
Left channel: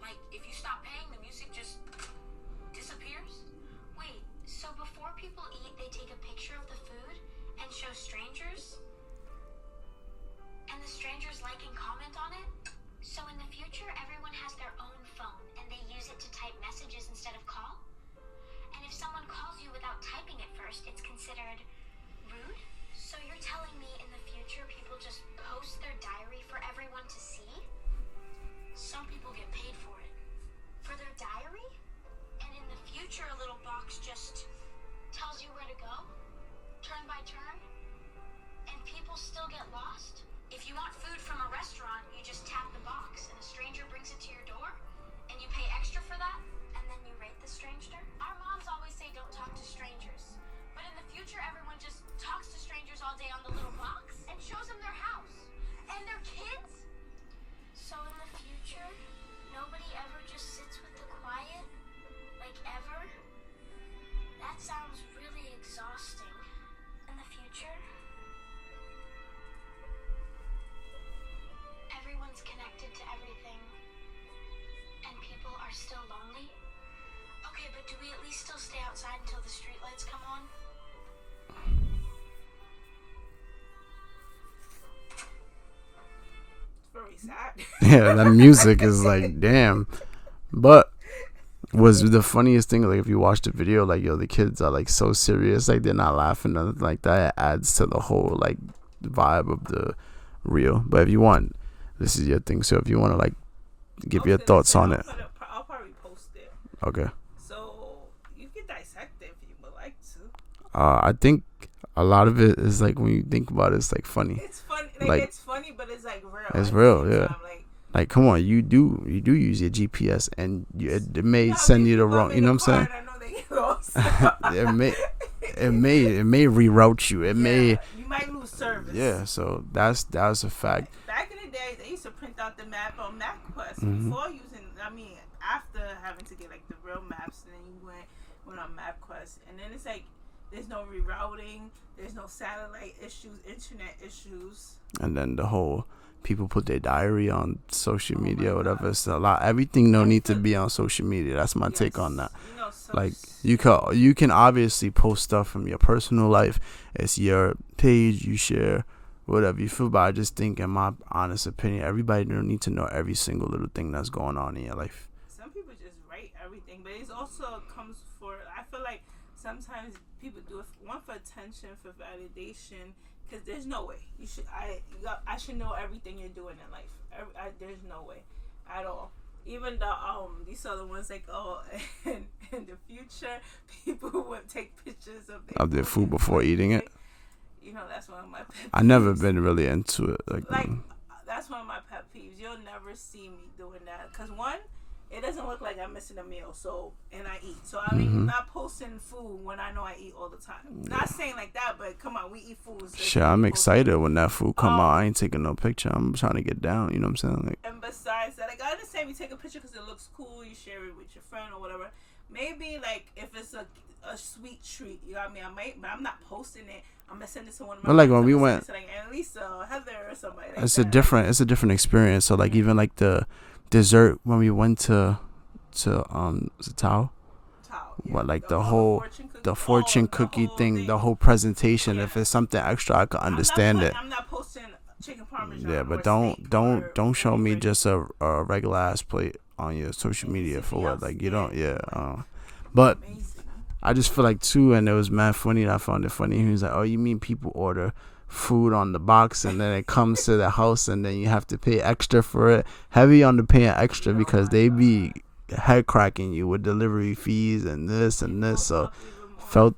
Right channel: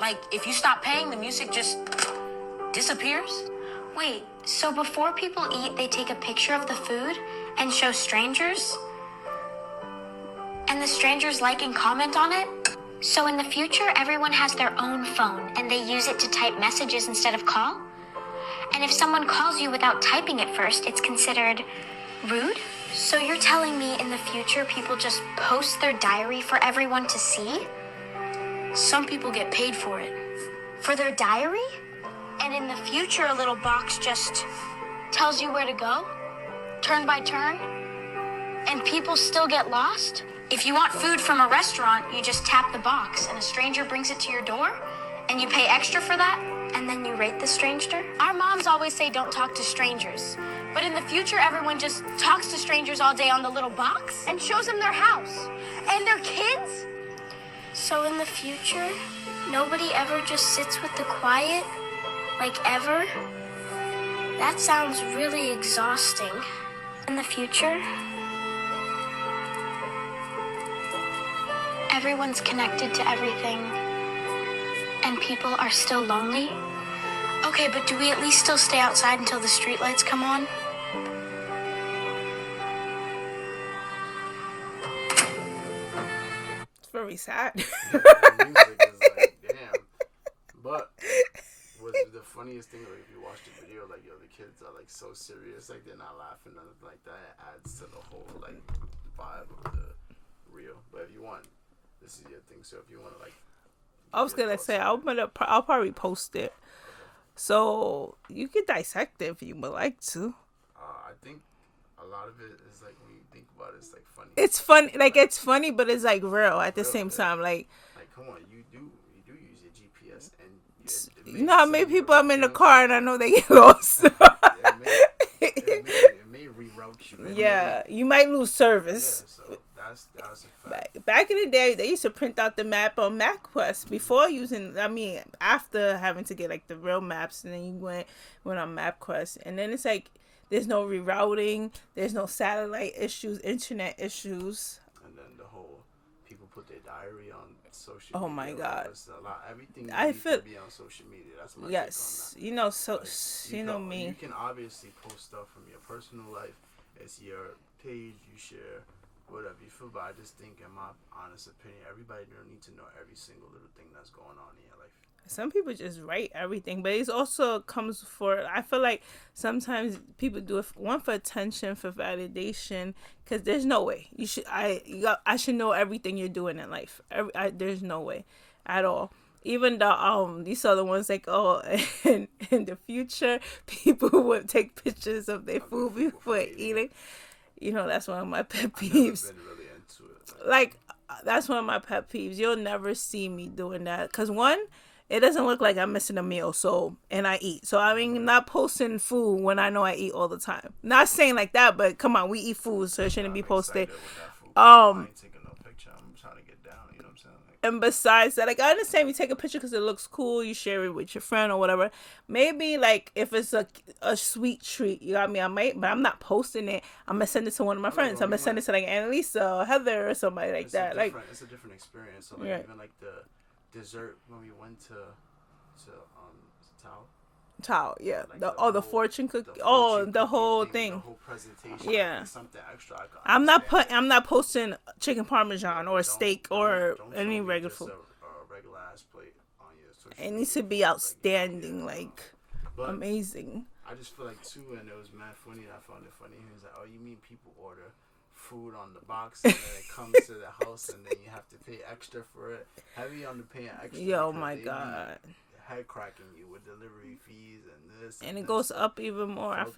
Like, if you stop paying, the music just disappears? Wait, so before people eat, they take a picture of the food and show strangers? And the strangers like and comment on it? So in the future, everyone has their own phone and they use it to type messages instead of call? And if someone calls you without typing it first, it's considered rude? So you're telling me in the future, people just post their diary for everyone to see? Some people get paid for it. For their diary? And in the future, a little box just tells you where to go, turn by turn, and people still get lost? If you want food from a restaurant, you just tap the box and a stranger brings it to your door and you pay extra for that? And then you rate the stranger? Our moms always say don't talk to strangers. But in the future, everyone just talks to strangers all day on the little box and shows them their house and their kids. So in the future, nobody ever just sits with the quiet? Like ever? That sounds really exhausting. In the future, everyone's connected to everything, and people are still lonely? Okay, but do we at least still stay outside until the streetlights come on? It's very sad. Yeah, that music is like, damn. But was the funniest thing, like if you watch the video, like the kids are like so serious, like they're not laughing, nothing like that. It adds to the whole like vibe of the reel. But if you want, this is your thing. So if you want to like give your thoughts on it, I'll probably post it. Okay. So you can dissect it if you would like to. I think a lot of it is like when you think about it, it's like funny. It's funny, like it's funny, but it's like real at the same time. Like, come on, you do use your GPS, and it may send you the I'm wrong. in You know the what car I'm and I know they get lost. it may reroute you. You might lose service. Yeah, so that's a fact. Back in the day, they used to print out the map on MapQuest before using. After having to get like the real maps, and then you went on MapQuest, and then it's like there's no rerouting, there's no satellite issues, internet issues, and then the whole. People put their diary on social media or whatever. God. It's a lot. Everything don't need to be on social media. That's my take on that. So like you can obviously post stuff from your personal life. It's your page. You share whatever you feel. But I just think, in my honest opinion, everybody don't need to know every single little thing that's going on in your life. Some people just write everything, but it also comes for. I feel like sometimes people do it for attention, for validation. Because there's no way I should know everything you're doing in life. There's no way at all. Even these other ones like in the future people would take pictures of their food before eating it. That's one of my pet peeves. I never been really into it. That's one of my pet peeves. You'll never see me doing that. Because one, it doesn't look like I'm missing a meal, and I eat. So, not posting food when I know I eat all the time. Not saying like that, but come on, we eat food. So sure, I'm excited when that food come out. I ain't taking no picture. I'm trying to get down, you know what I'm saying? And besides that, I understand you take a picture because it looks cool. You share it with your friend or whatever. Maybe, if it's a sweet treat, you got me? I might, but I'm not posting it. I'm going to send it to one of my friends. I'm going to send it to, Annalisa or Heather or somebody like that. It's a different experience. So, even, the dessert when we went to Tao, yeah. What, the fortune cookie, thing, the whole presentation. Yeah. If it's something extra, I can understand it. I'm not posting chicken parmesan or steak. Don't show me just a regular ass plate on your social media. It needs to be outstanding. But amazing. I just feel like too, and it was mad funny. And I found it funny. He was like, "Oh, you mean people order food on the box and then it comes to the house and then you have to pay extra for it?" Heavy on the paying extra because they be head cracking you with delivery fees and this and this. So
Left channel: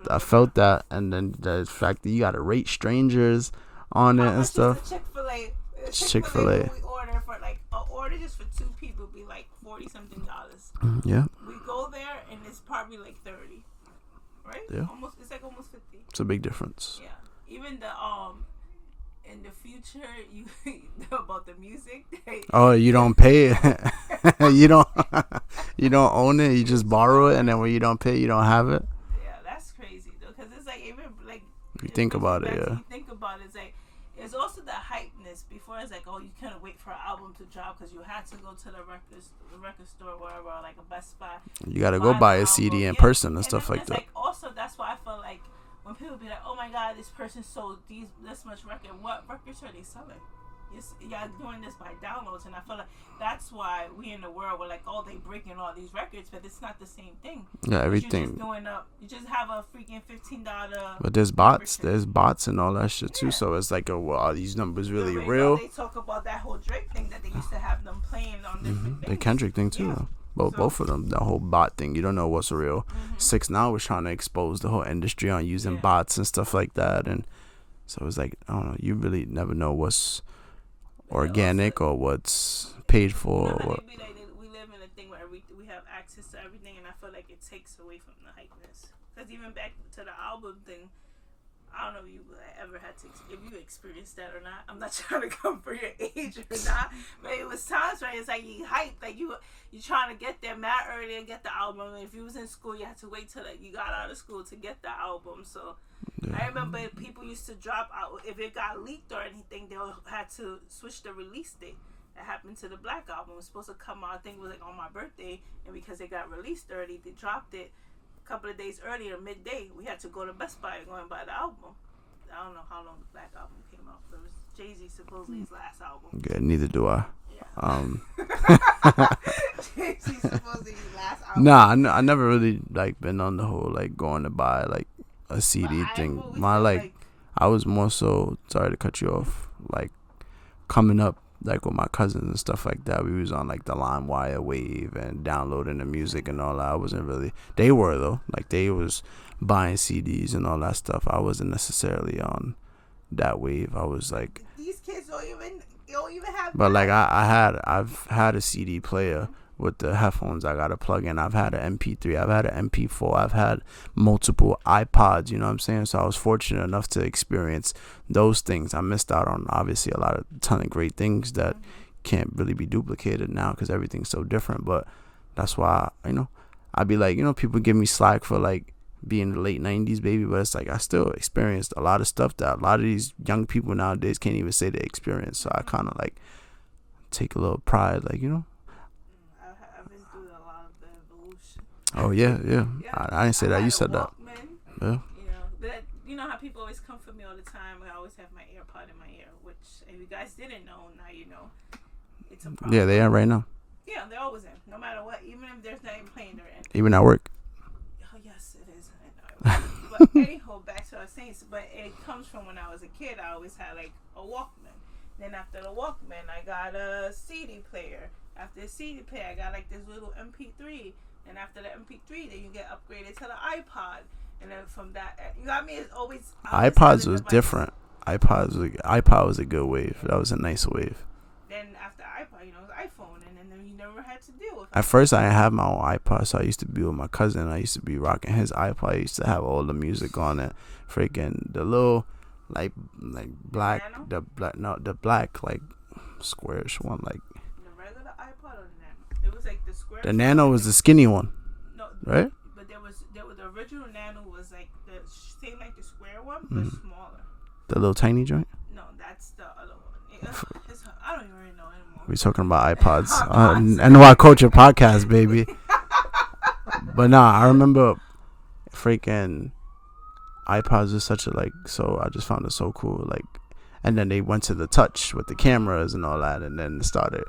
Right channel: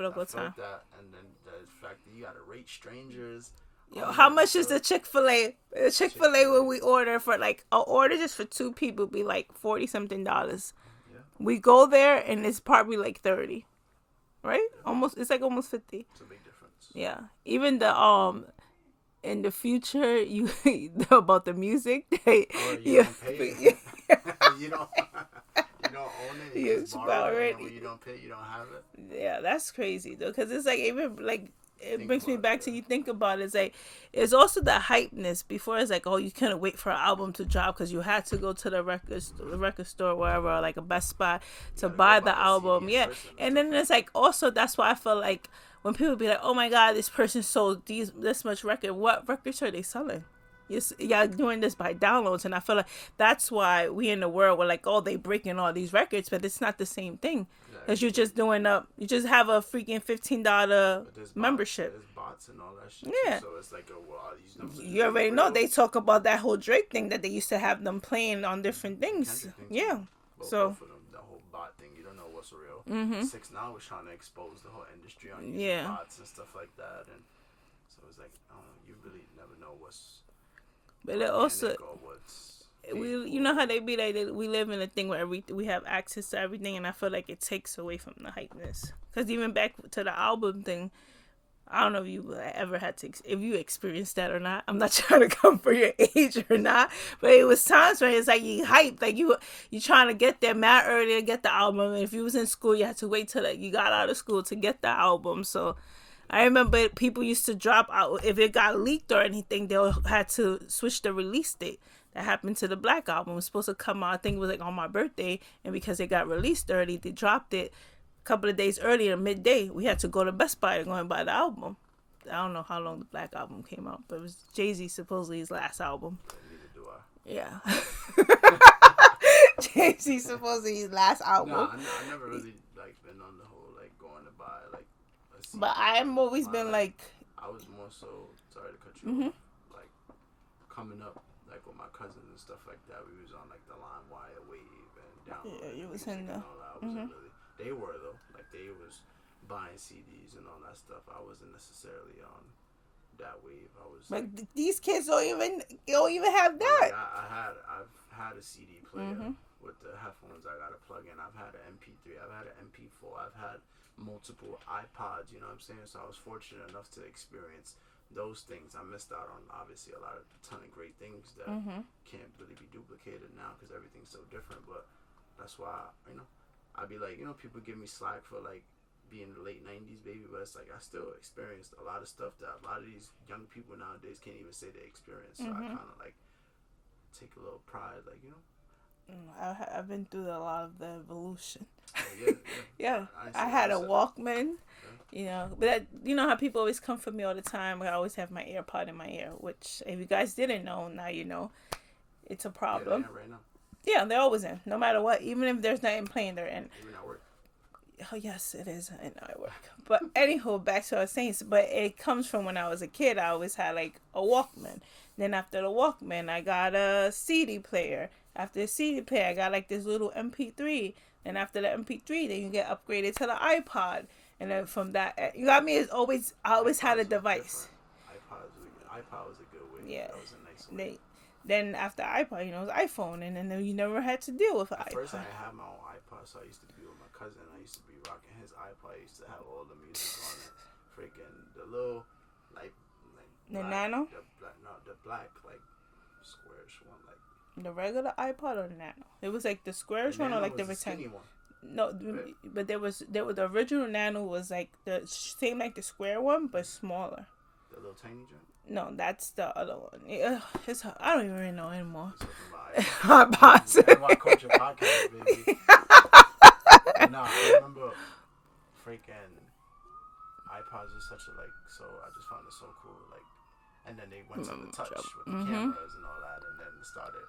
I felt that, and then the fact that you got to rate strangers on how it. Much and is the Chick-fil-A? Chick-fil-A when we order for like an order just for 2 people be like $40-something. Yeah. We go there and it's probably like 30. Right? Yeah. It's like almost 50. It's a big difference. Yeah. Even the in the future you about the music. You don't pay it. you don't own it. You just borrow it, and then when you don't pay, you don't have it. Yeah, that's crazy though, because it's like even like you think about it. You think about it, it's like it's also the hypeness. Before it's like, oh, you couldn't wait for an album to drop because you had to go to the record store, wherever, like a Best Buy. You gotta go buy a CD in person and stuff like that. And then it's like also that's why I feel like when people be like, oh my God, this person sold this much record. What records are they selling? Y'all doing this by downloads, and I feel like that's why we in the world we're like, oh, they breaking all these records, but it's not the same thing. Yeah, everything. You're just doing you just have a freaking $15. But there's bots and all that shit too. So it's like, are these numbers really real? You know they talk about that whole Drake thing that they used to have them playing on different things. The Kendrick thing too. Yeah. Both of them, the whole bot thing, you don't know what's real. 6ix9ine was trying to expose the whole industry on using bots and stuff like that, and so it's like, I don't know, you really never know what's organic or what's paid for. You know how they be like, we live in a thing where we have access to everything, and I feel like it takes away from the hypeness. Because even back to the album thing, I don't know if you ever had to, if you experienced that or not. I'm not trying to come for your age or not, but it was times when it's like you hyped, like you trying to get there mad early to get the album. And if you was in school, you had to wait till you got out of school to get the album. So I remember people used to drop out if it got leaked or anything. They had to switch the release date. That happened to the Black album. It was supposed to come out, I think it was like on my birthday, and because it got released early, they dropped it a couple of days earlier, midday. We had to go to Best Buy to go and buy the album. I don't know how long the Black album came out, but it was Jay-Z supposedly his last album. Good, neither do I. Yeah. Jay-Z supposedly his last album. Nah, I never really like been on the whole like going to buy like a CD thing. I was more so, sorry to cut you off, like coming up like with my cousins and stuff like that. We was on like the LimeWire wave and downloading the music and all that. I wasn't really. They were though, like they was buying CDs and all that stuff. I wasn't necessarily on that wave. I was like, these kids don't even have. But like I've had a CD player. With the headphones I gotta plug in. I've had an MP3, I've had an MP4, I've had multiple iPods, you know what I'm saying? So I was fortunate enough to experience those things. I missed out on obviously a ton of great things that can't really be duplicated now because everything's so different. But that's why, I'd be like, people give me slack for like being the late 90s baby, but it's like I still experienced a lot of stuff that a lot of these young people nowadays can't even say they experienced. So I kind of like take a little pride, like, I've been through a lot of the evolution. Oh yeah. I didn't say that. You said Walkman, that. Yeah. But you know how people always come for me all the time. I always have my AirPod in my ear, which if you guys didn't know, now you know. It's a problem. Yeah, they are right now. Yeah, they're always in, no matter what. Even if there's nothing playing, they're in. Even at work. Oh yes, it is. I know. But anyhow, back to what I was saying. But it comes from when I was a kid. I always had like a Walkman. Then after the Walkman, I got a CD player. After the CD player, I got like this little MP3. And after the MP3, then you get upgraded to the iPod. And then from that, you got me. It's always iPods was different. iPod was a good wave. Yeah. That was a nice wave. Then after iPod, it was iPhone, and then you never had to deal with. At first, I didn't have my own iPod, so I used to be with my cousin. I used to be rocking his iPod. I used to have all the music on it. Freaking the little like black, the black like squarish one, like. The regular iPod or Nano? It was like the square. The Nano was the skinny one. No, right? But there was the original Nano was like the same like the square one, but smaller. The little tiny joint? No, that's the other one. I don't even really know anymore. We're talking about iPods. NY Culture Podcast, baby. But nah, I remember freaking iPods was such a so I just found it so cool. And then they went to the touch with the cameras and all that, and then started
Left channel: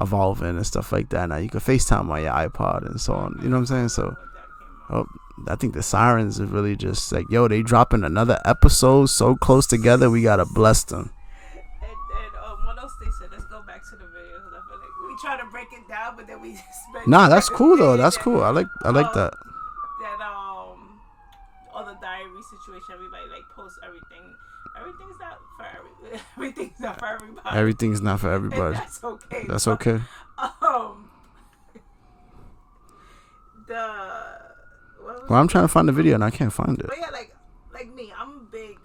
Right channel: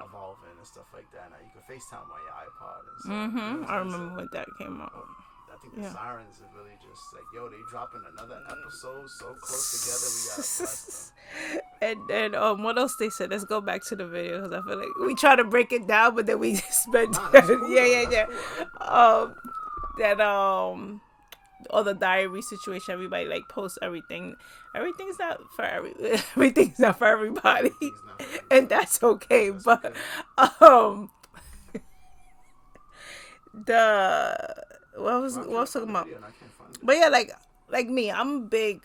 evolving and stuff like that. Now you can FaceTime on your iPod and so on. You know what I'm saying? So that came out. I think the sirens are really just like, yo, they dropping another episode so close together. We gotta bless them. And what else they said? Let's go back to the video because I feel like we try to break it down, but then we spent. Nah, that's cool though. That's cool. I like that. That all the diary situation. Everybody like posts everything. Everything's not for everything's not for everybody. Everything's not for everybody. And that's okay. That's okay. I'm trying to find the video and I can't find it. But yeah, like me, I'm big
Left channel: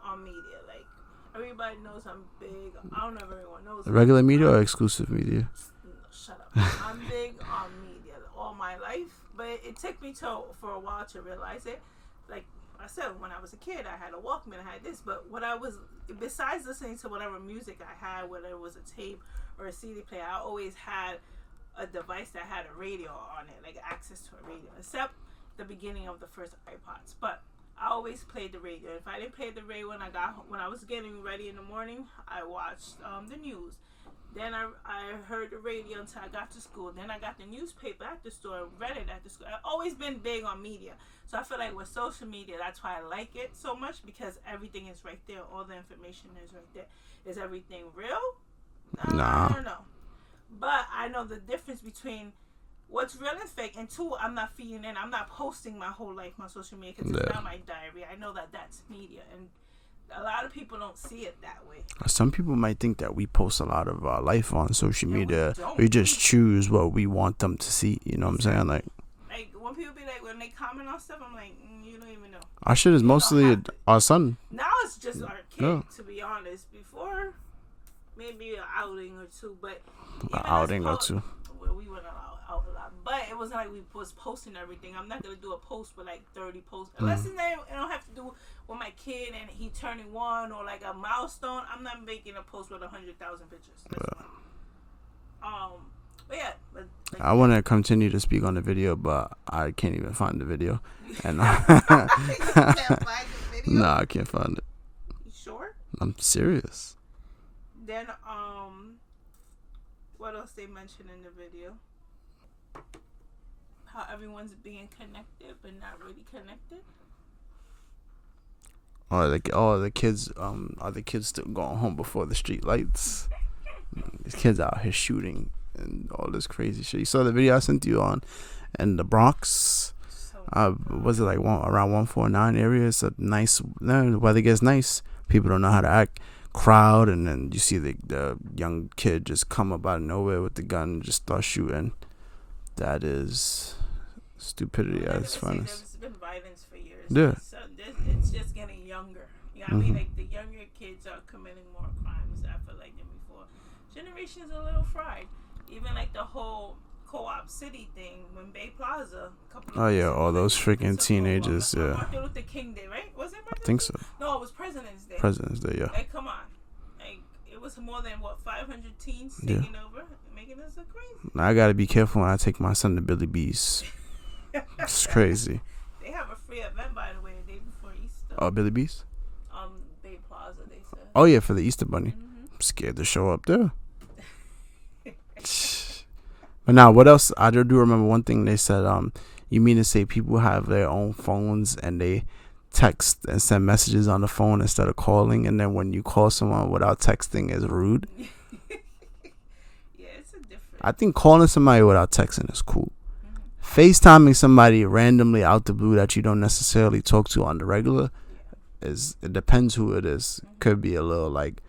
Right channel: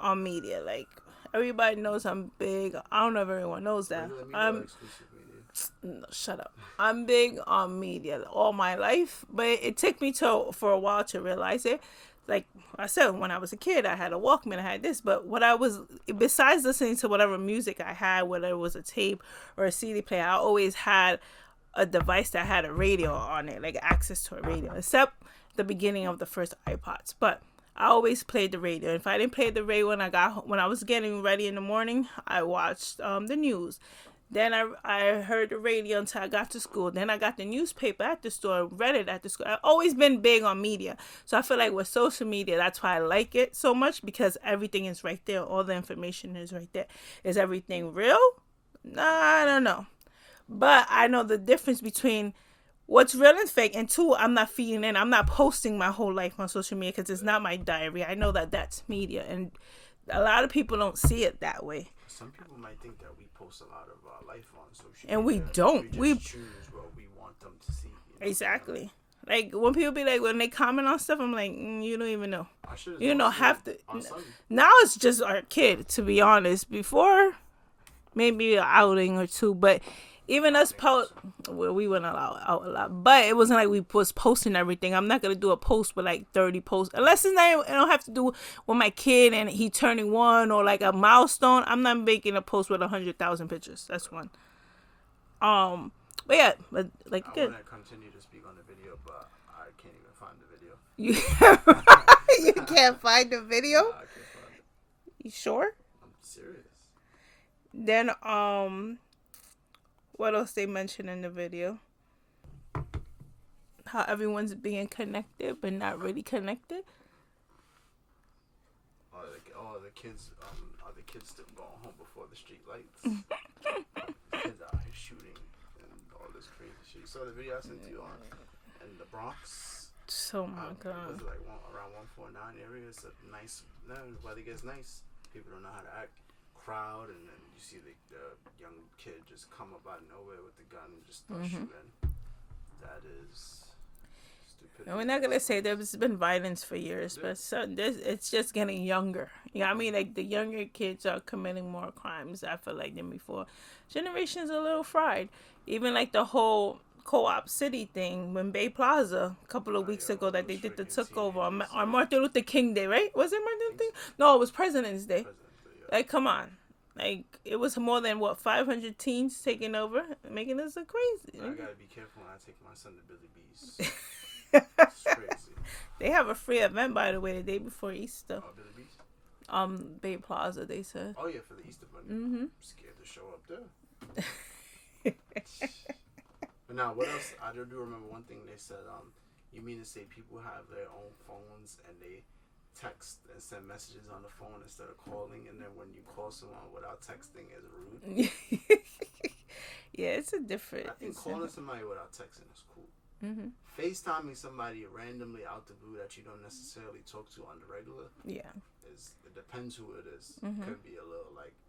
on media. Like everybody knows I'm big. I don't know if everyone knows that. Regular media or exclusive media? No, shut up. I'm big on media all my life, but it took me for a while to realize it. Like I said, when I was a kid, I had a Walkman, I had this, but besides listening to whatever music I had, whether it was a tape or a CD player, I always had a device that had a radio on it, like access to a radio, except the beginning of the first iPods. But I always played the radio. If I didn't play the radio when I was getting ready in the morning, I watched the news. Then I heard the radio until I got to school. Then I got the newspaper at the store, read it at the school. I've always been big on media. So I feel like with social media, that's why I like it so much, because everything is right there. All the information is right there. Is everything real? Nah. I don't know. But I know the difference between what's real and fake. And two, I'm not feeding in. I'm not posting my whole life on social media because it's not my diary. I know that that's media. And a lot of people don't see it that way. Some people might think that we post a lot of our life on social media. We don't. We just choose what we want them to see. You know what I'm saying? Like when people be like, when they comment on stuff, I'm like, you don't even know. Our shit is mostly our son. Now it's just our kid, to be honest. Before, maybe an outing or two, but even us we went out a lot, but it wasn't like we was posting everything. I'm not gonna do a post with like 30 posts unless it don't have to do with my kid and he turning 1 or like a milestone. I'm not making a post with 100,000 pictures. That's one. But yeah, I want to continue to speak on the video, but I can't even find the video. You can't find the video? Nah, I can't find it. You sure? I'm serious. Then what else they mentioned in the video? How everyone's being connected but not really connected. The kids are the kids still going home before the street lights? These kids out here shooting and all this crazy shit. You saw the video I sent you on in the Bronx? Was it like around 149 area? It's a nice, the weather gets nice. People don't know how to act. Crowd, and then you see the young kid just come up out of nowhere with the gun and just start shooting. That is stupidity. We're not gonna say there's been violence for years, but it's just getting younger. Yeah, I mean, like the younger kids are committing more crimes, I feel like, than before. Generations are a little fried. Even like the whole Co-op City thing when Bay Plaza a couple of weeks ago. All those freaking teenagers. On Martin Luther King Day, right? Was it Martin Luther King? So. No, it was President's Day. President's Day, yeah. Like, come on. Like, it was more than, 500 teens taking over, making us look crazy. I gotta be careful when I take my son to Billy B's. It's crazy. They have a free event, by the way, the day before Easter. Oh, Billy B's? Bay Plaza, they said. Oh, yeah, for the Easter Bunny. Mm-hmm. I'm scared to show up there. But now, what else? I do remember one thing they said. You mean to say people have their own phones and they text and send messages on the phone instead of calling, and then when you call someone without texting is rude? Yeah, it's a difference. I think calling somebody without texting is cool. Mm-hmm. FaceTiming somebody randomly out the blue that you don't necessarily talk to on the regular, it depends who it is. Mm-hmm. Could be a little like,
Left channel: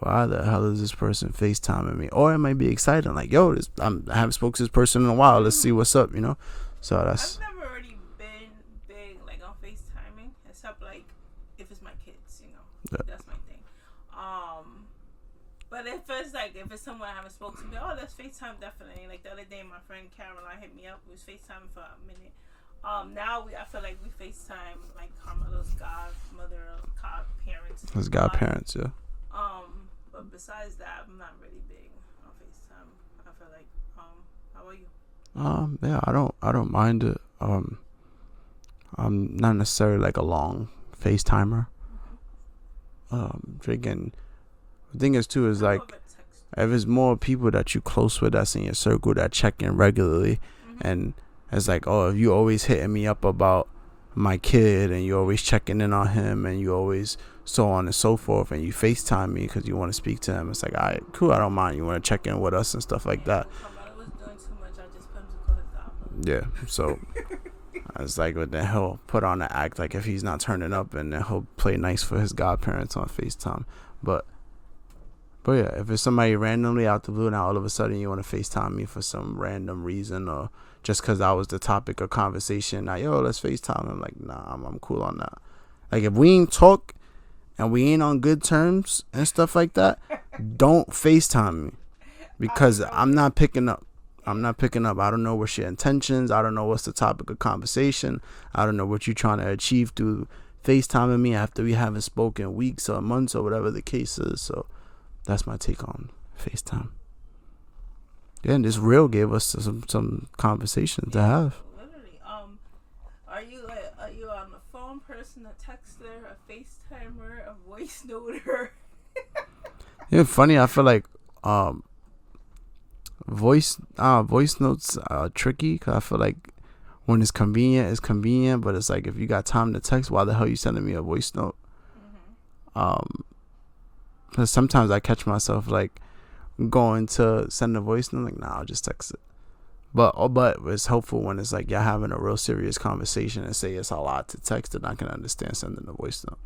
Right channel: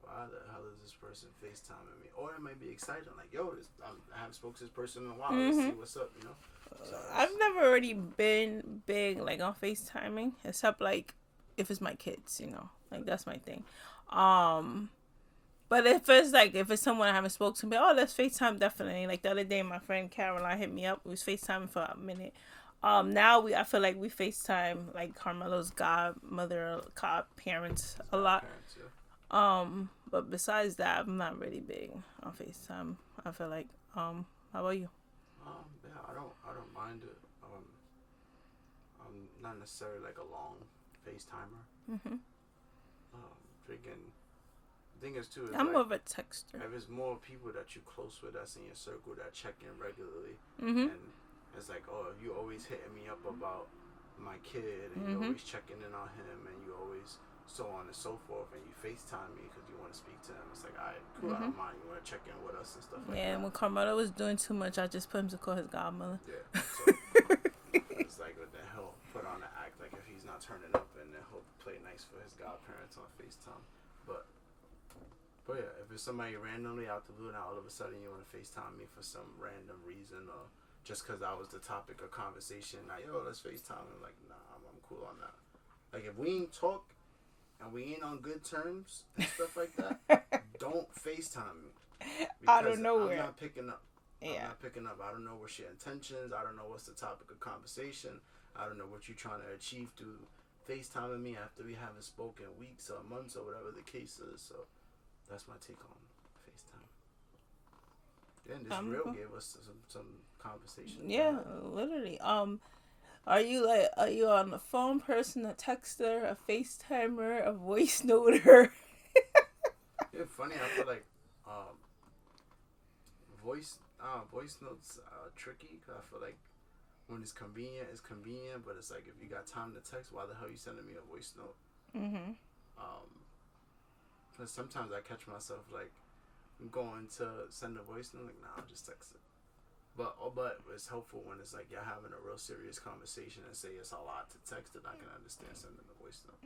why the hell is this person FaceTiming me? Or it might be exciting, like, yo, I haven't spoken to this person in a while. Let's see what's up, you know? So I've never really been big like on FaceTiming, except like if it's my kids, you know. Like, that's my thing. But if it's someone I haven't spoken to, let's FaceTime definitely. Like the other day, my friend Caroline hit me up. We was FaceTiming for a minute. Now I feel like we FaceTime like Carmelo's godmother, godparents. His godparents, yeah. But besides that, I'm not really big on FaceTime. I feel like, how about you? Yeah, I don't mind it. I'm not necessarily like a long FaceTimer. Mm-hmm. Drinking The thing is too is I'm like, more of a texter. if it's more people that you close with that's in your circle that check in regularly, and it's like, oh, if you always hitting me up about my kid and you always checking in on him and you always so on and so forth, and you FaceTime me because you want to speak to him, it's like, all right, cool, I don't mind. You want to check in with us and stuff like that. When Carmelo was doing too much, I just put him to call his godmother. Yeah, so it's like, but then he'll put on an act like if he's not turning up, and then he'll play nice for his godparents on FaceTime. But yeah, if it's somebody randomly out the blue, now all of a sudden you want to FaceTime me for some random reason, or just because I was the topic of conversation, now, yo, let's FaceTime. I'm like, nah, I'm cool on that. Like, if we ain't talk and we ain't on good terms and stuff like that, don't FaceTime me, because I'm not picking up. I'm not picking up. I don't know what's your intentions. I don't know what's the topic of conversation. I don't know what you're trying to achieve through FaceTiming me after we haven't spoken weeks or months or whatever the case is. So that's my take on FaceTime. Yeah, and this reel gave us some conversation to have. Literally. Are you on the phone person, a texter, a FaceTimer, a voice noter? Yeah, funny. I feel like voice notes are tricky, because I feel like when it's convenient, but it's like, if you got time to text, why the hell you sending me a voice note? Because sometimes I catch myself like going to send a voice note, like, nah, I'll just text it. But it's helpful when it's like you're having a real serious conversation and say it's a lot to text, and I can understand sending a voice note.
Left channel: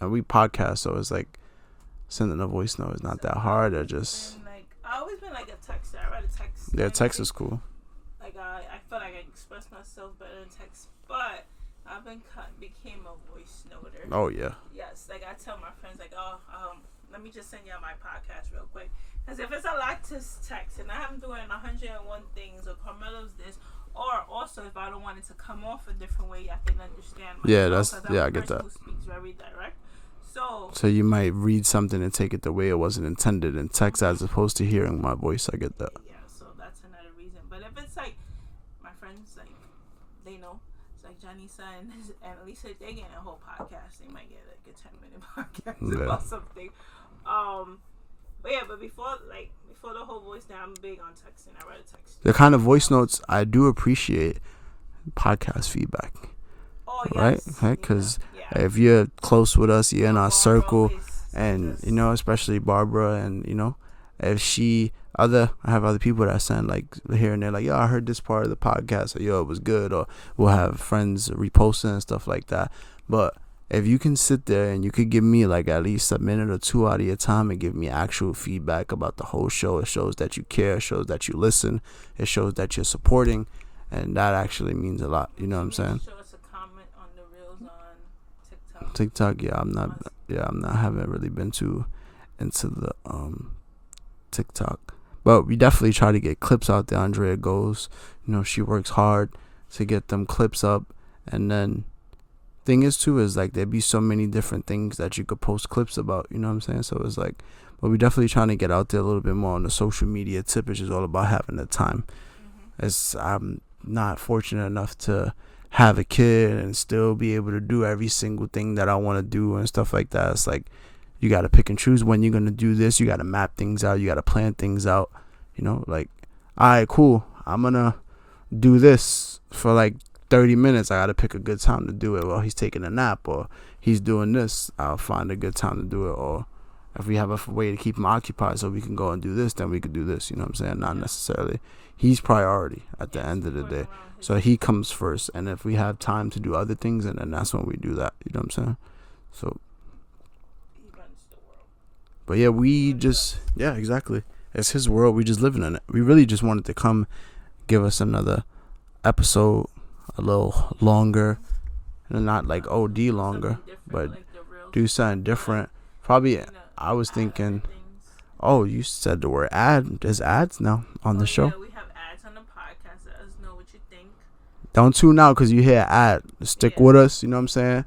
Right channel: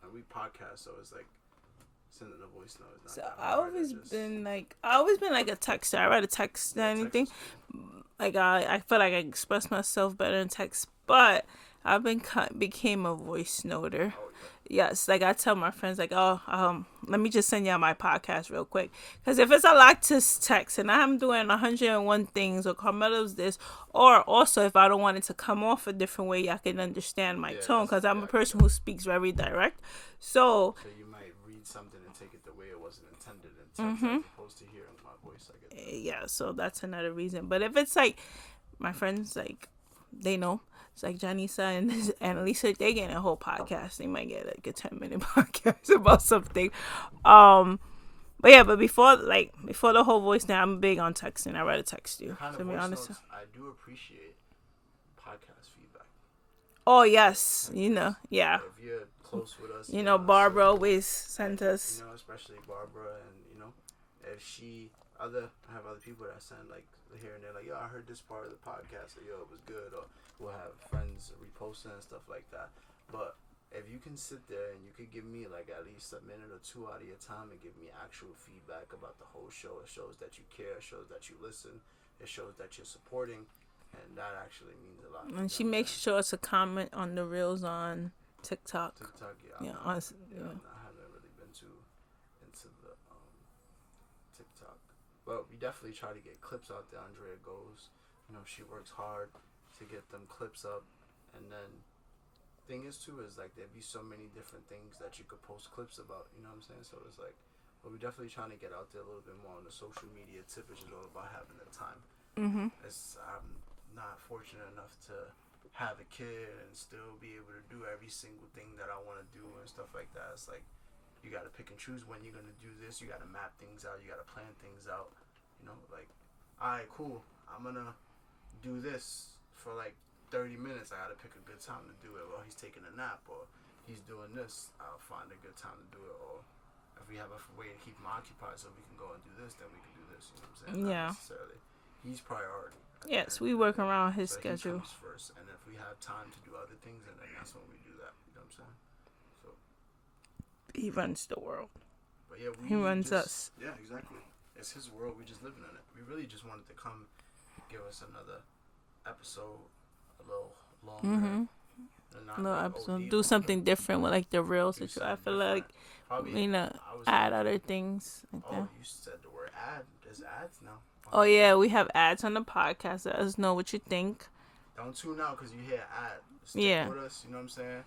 And we podcast, so it's like sending a voice note is not that hard. I've always been like a texter. I write a text. Yeah, text is cool. Like I feel like I express myself better in text, but I've became a voice noter. Oh yeah. Yes, like I tell my friends, like, let me just send y'all my podcast real quick, because if it's a lot to text and I'm doing 101 things, or Carmelo's this, or also if I don't want it to come off a different way, I can understand my tone, because I'm a person who speaks very direct. So you might read something and take it the way it wasn't intended in text, as opposed to hearing my voice. I get that. Yeah, so that's another reason. But if it's like my friends, like, they know. It's like Janisa and Lisa, they get a whole podcast. They might get like a 10-minute podcast about something. But before the whole voice now, I'm big on texting. I rather text you. The kind of voice notes I do appreciate, podcast feedback. Oh yes, right? If you're close with us, you're in our circle, and especially Barbara, and if I have other people that send like here and there, like, yo, I heard this part of the podcast, or yo, it was good, or we'll have friends reposting and stuff like that. But if you can sit there and you could give me like at least a minute or two out of your time and give me actual feedback about the whole show, it shows that you care, it shows that you listen, it shows that you're supporting, and that actually means a lot. You know what I'm saying? She makes sure it's a comment on the reels on TikTok. I haven't really been too into the TikTok. But we definitely try to get clips out there. Andrea goes, she works hard to get them clips up. And then thing is too is like there'd be so many different things that you could post clips about, you know what I'm saying? So it's like, but we definitely trying to get out there a little bit more on the social media tip, which is all about having the time. I'm not fortunate enough to have a kid and still be able to do every single thing that I want to do and stuff like that. It's like, you got to pick and choose when you're going to do this. You got to map things out. You got to plan things out. Like, all right, cool. I'm going to do this for like 30 minutes. I got to pick a good time to do it. Well, he's taking a nap or he's doing this. I'll find a good time to do it. Or if we have a way to keep him occupied so we can go and do this, then we could do this. You know what I'm saying? Not necessarily. He's priority at the end of the day. So he comes first. And if we have time to do other things, and then that's when we do that. You know what I'm saying? So he runs the world. But yeah, exactly. It's his world. We just living in it. We really just wanted to come give us another episode a little longer, and not like OD do longer. Something different with like the real. Do something different. Like, probably. I was thinking. Things. Oh, you said the word ad. There's ads now on the show. Oh yeah, we have ads on the podcast. Let us know what you think. Don't tune out because you hear ad. Stick with us. You know what I'm saying?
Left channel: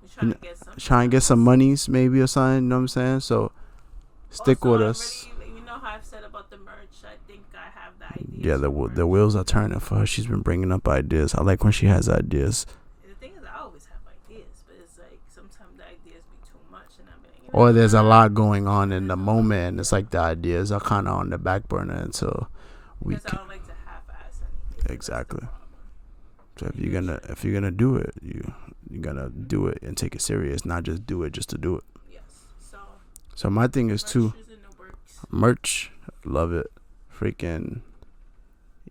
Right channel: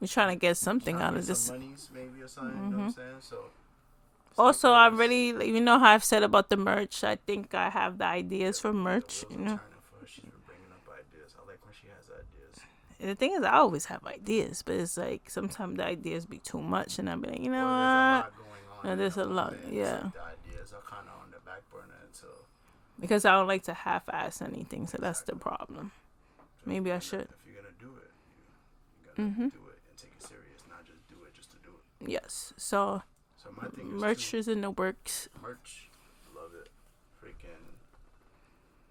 We're trying to get something. Trying to get some monies maybe or something. You know what I'm saying? So stick with us. You know how I've said about the merch. I think I have the ideas for merch. The wheels are turning for her. She's been bringing up ideas. I like when she has ideas. the thing is, I always have ideas, but it's like sometimes the ideas be too much, and I'm like, or there's a lot going on in the moment, and yeah. it's like the ideas are kind of on the back burner until. Because I don't like to half-ass anything, so that's the problem. So if you're gonna do it, you're gonna do it and take it serious, not just do it just to do it. Yes. So my thing is merch is in the works. Merch, love it. Freaking,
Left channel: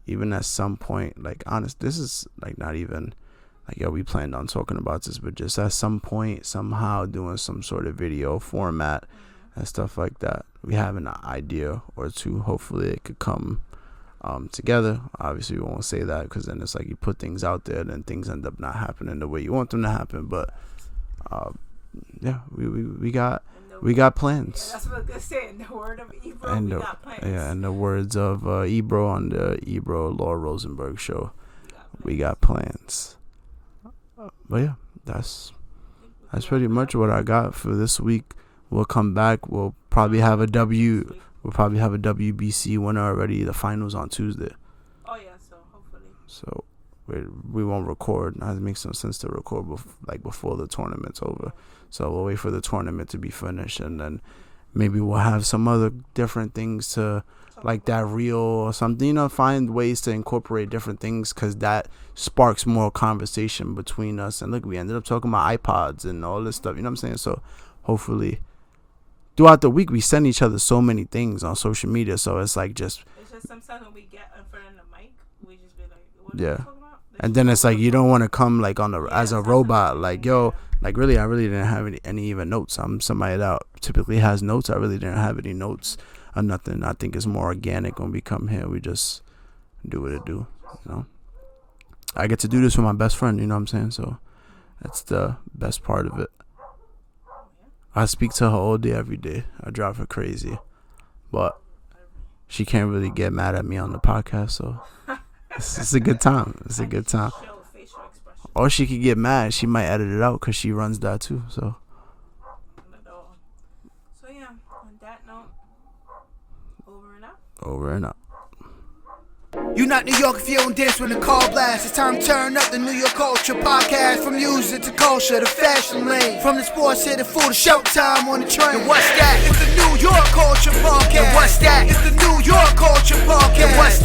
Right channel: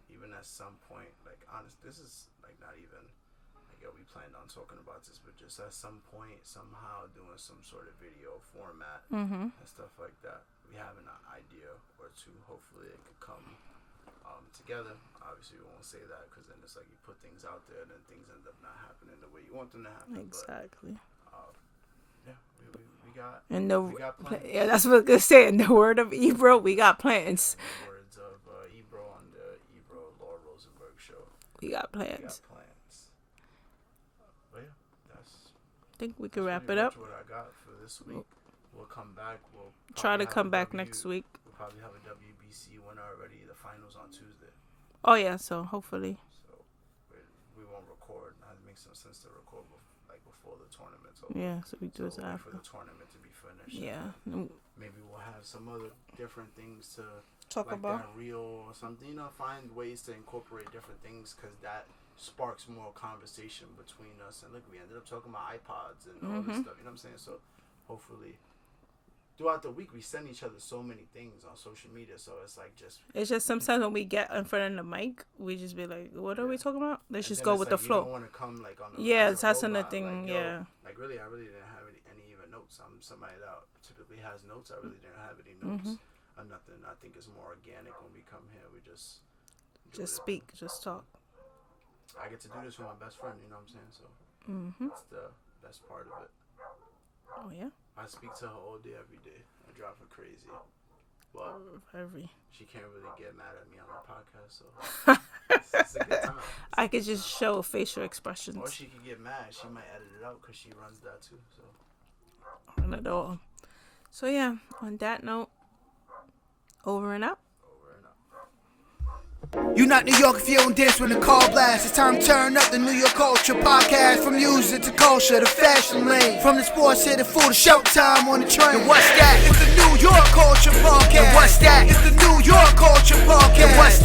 even at some point, like honest, this is like not even like we planned on talking about this, but just at some point, somehow doing some sort of video format and stuff like that. We have an idea or two. Hopefully, it could come together. Obviously, we won't say that because then it's like you put things out there, then things end up not happening the way you want them to happen. But yeah, we got plans. Yeah, that's what I was gonna say. In the word of Ebro, we got plans. Yeah, in the words of Ebro on the Ebro Laura Rosenberg show, we got plans. We got plans. But yeah, that's pretty much what I got for this week. We'll come back. We'll probably have a WBC winner already. The finals on Tuesday. Oh yeah, so hopefully. So we won't record. It makes some sense to record before the tournament's over. Yeah, so we'll wait for the tournament to be finished, and then maybe we'll have some other different things to that reel or something. Find ways to incorporate different things because that sparks more conversation between us. And look, we ended up talking about iPods and all this stuff. You know what I'm saying? So hopefully. Throughout the week, we send each other so many things on social media, so it's just sometimes when we get in front of the mic, we just be like, "What are we talking about?" And then it's like you don't want to come on as a robot, really, I really didn't have any even notes. I'm somebody that typically has notes. I really didn't have any notes or nothing. I think it's more organic when we come here. We just do what it do. So I get to do this with my best friend. You know what I'm saying? So that's the best part of it. I speak to her all day, every day. I drive her crazy. But she can't really get mad at me on the podcast, so it's a good time. I could just show facial expressions. Or she could get mad. She might edit it out because she runs that too. So. Not at all. So yeah, on that note, over and out. Over and out. You not New York if you don't dance when the call blast. It's time to turn up the New York Culture Podcast. From music to culture, the fashion lane. From the sports to the food, to showtime on the train. And what's that? It's the New York Culture Podcast. And what's that? It's the New York Culture Podcast. And what's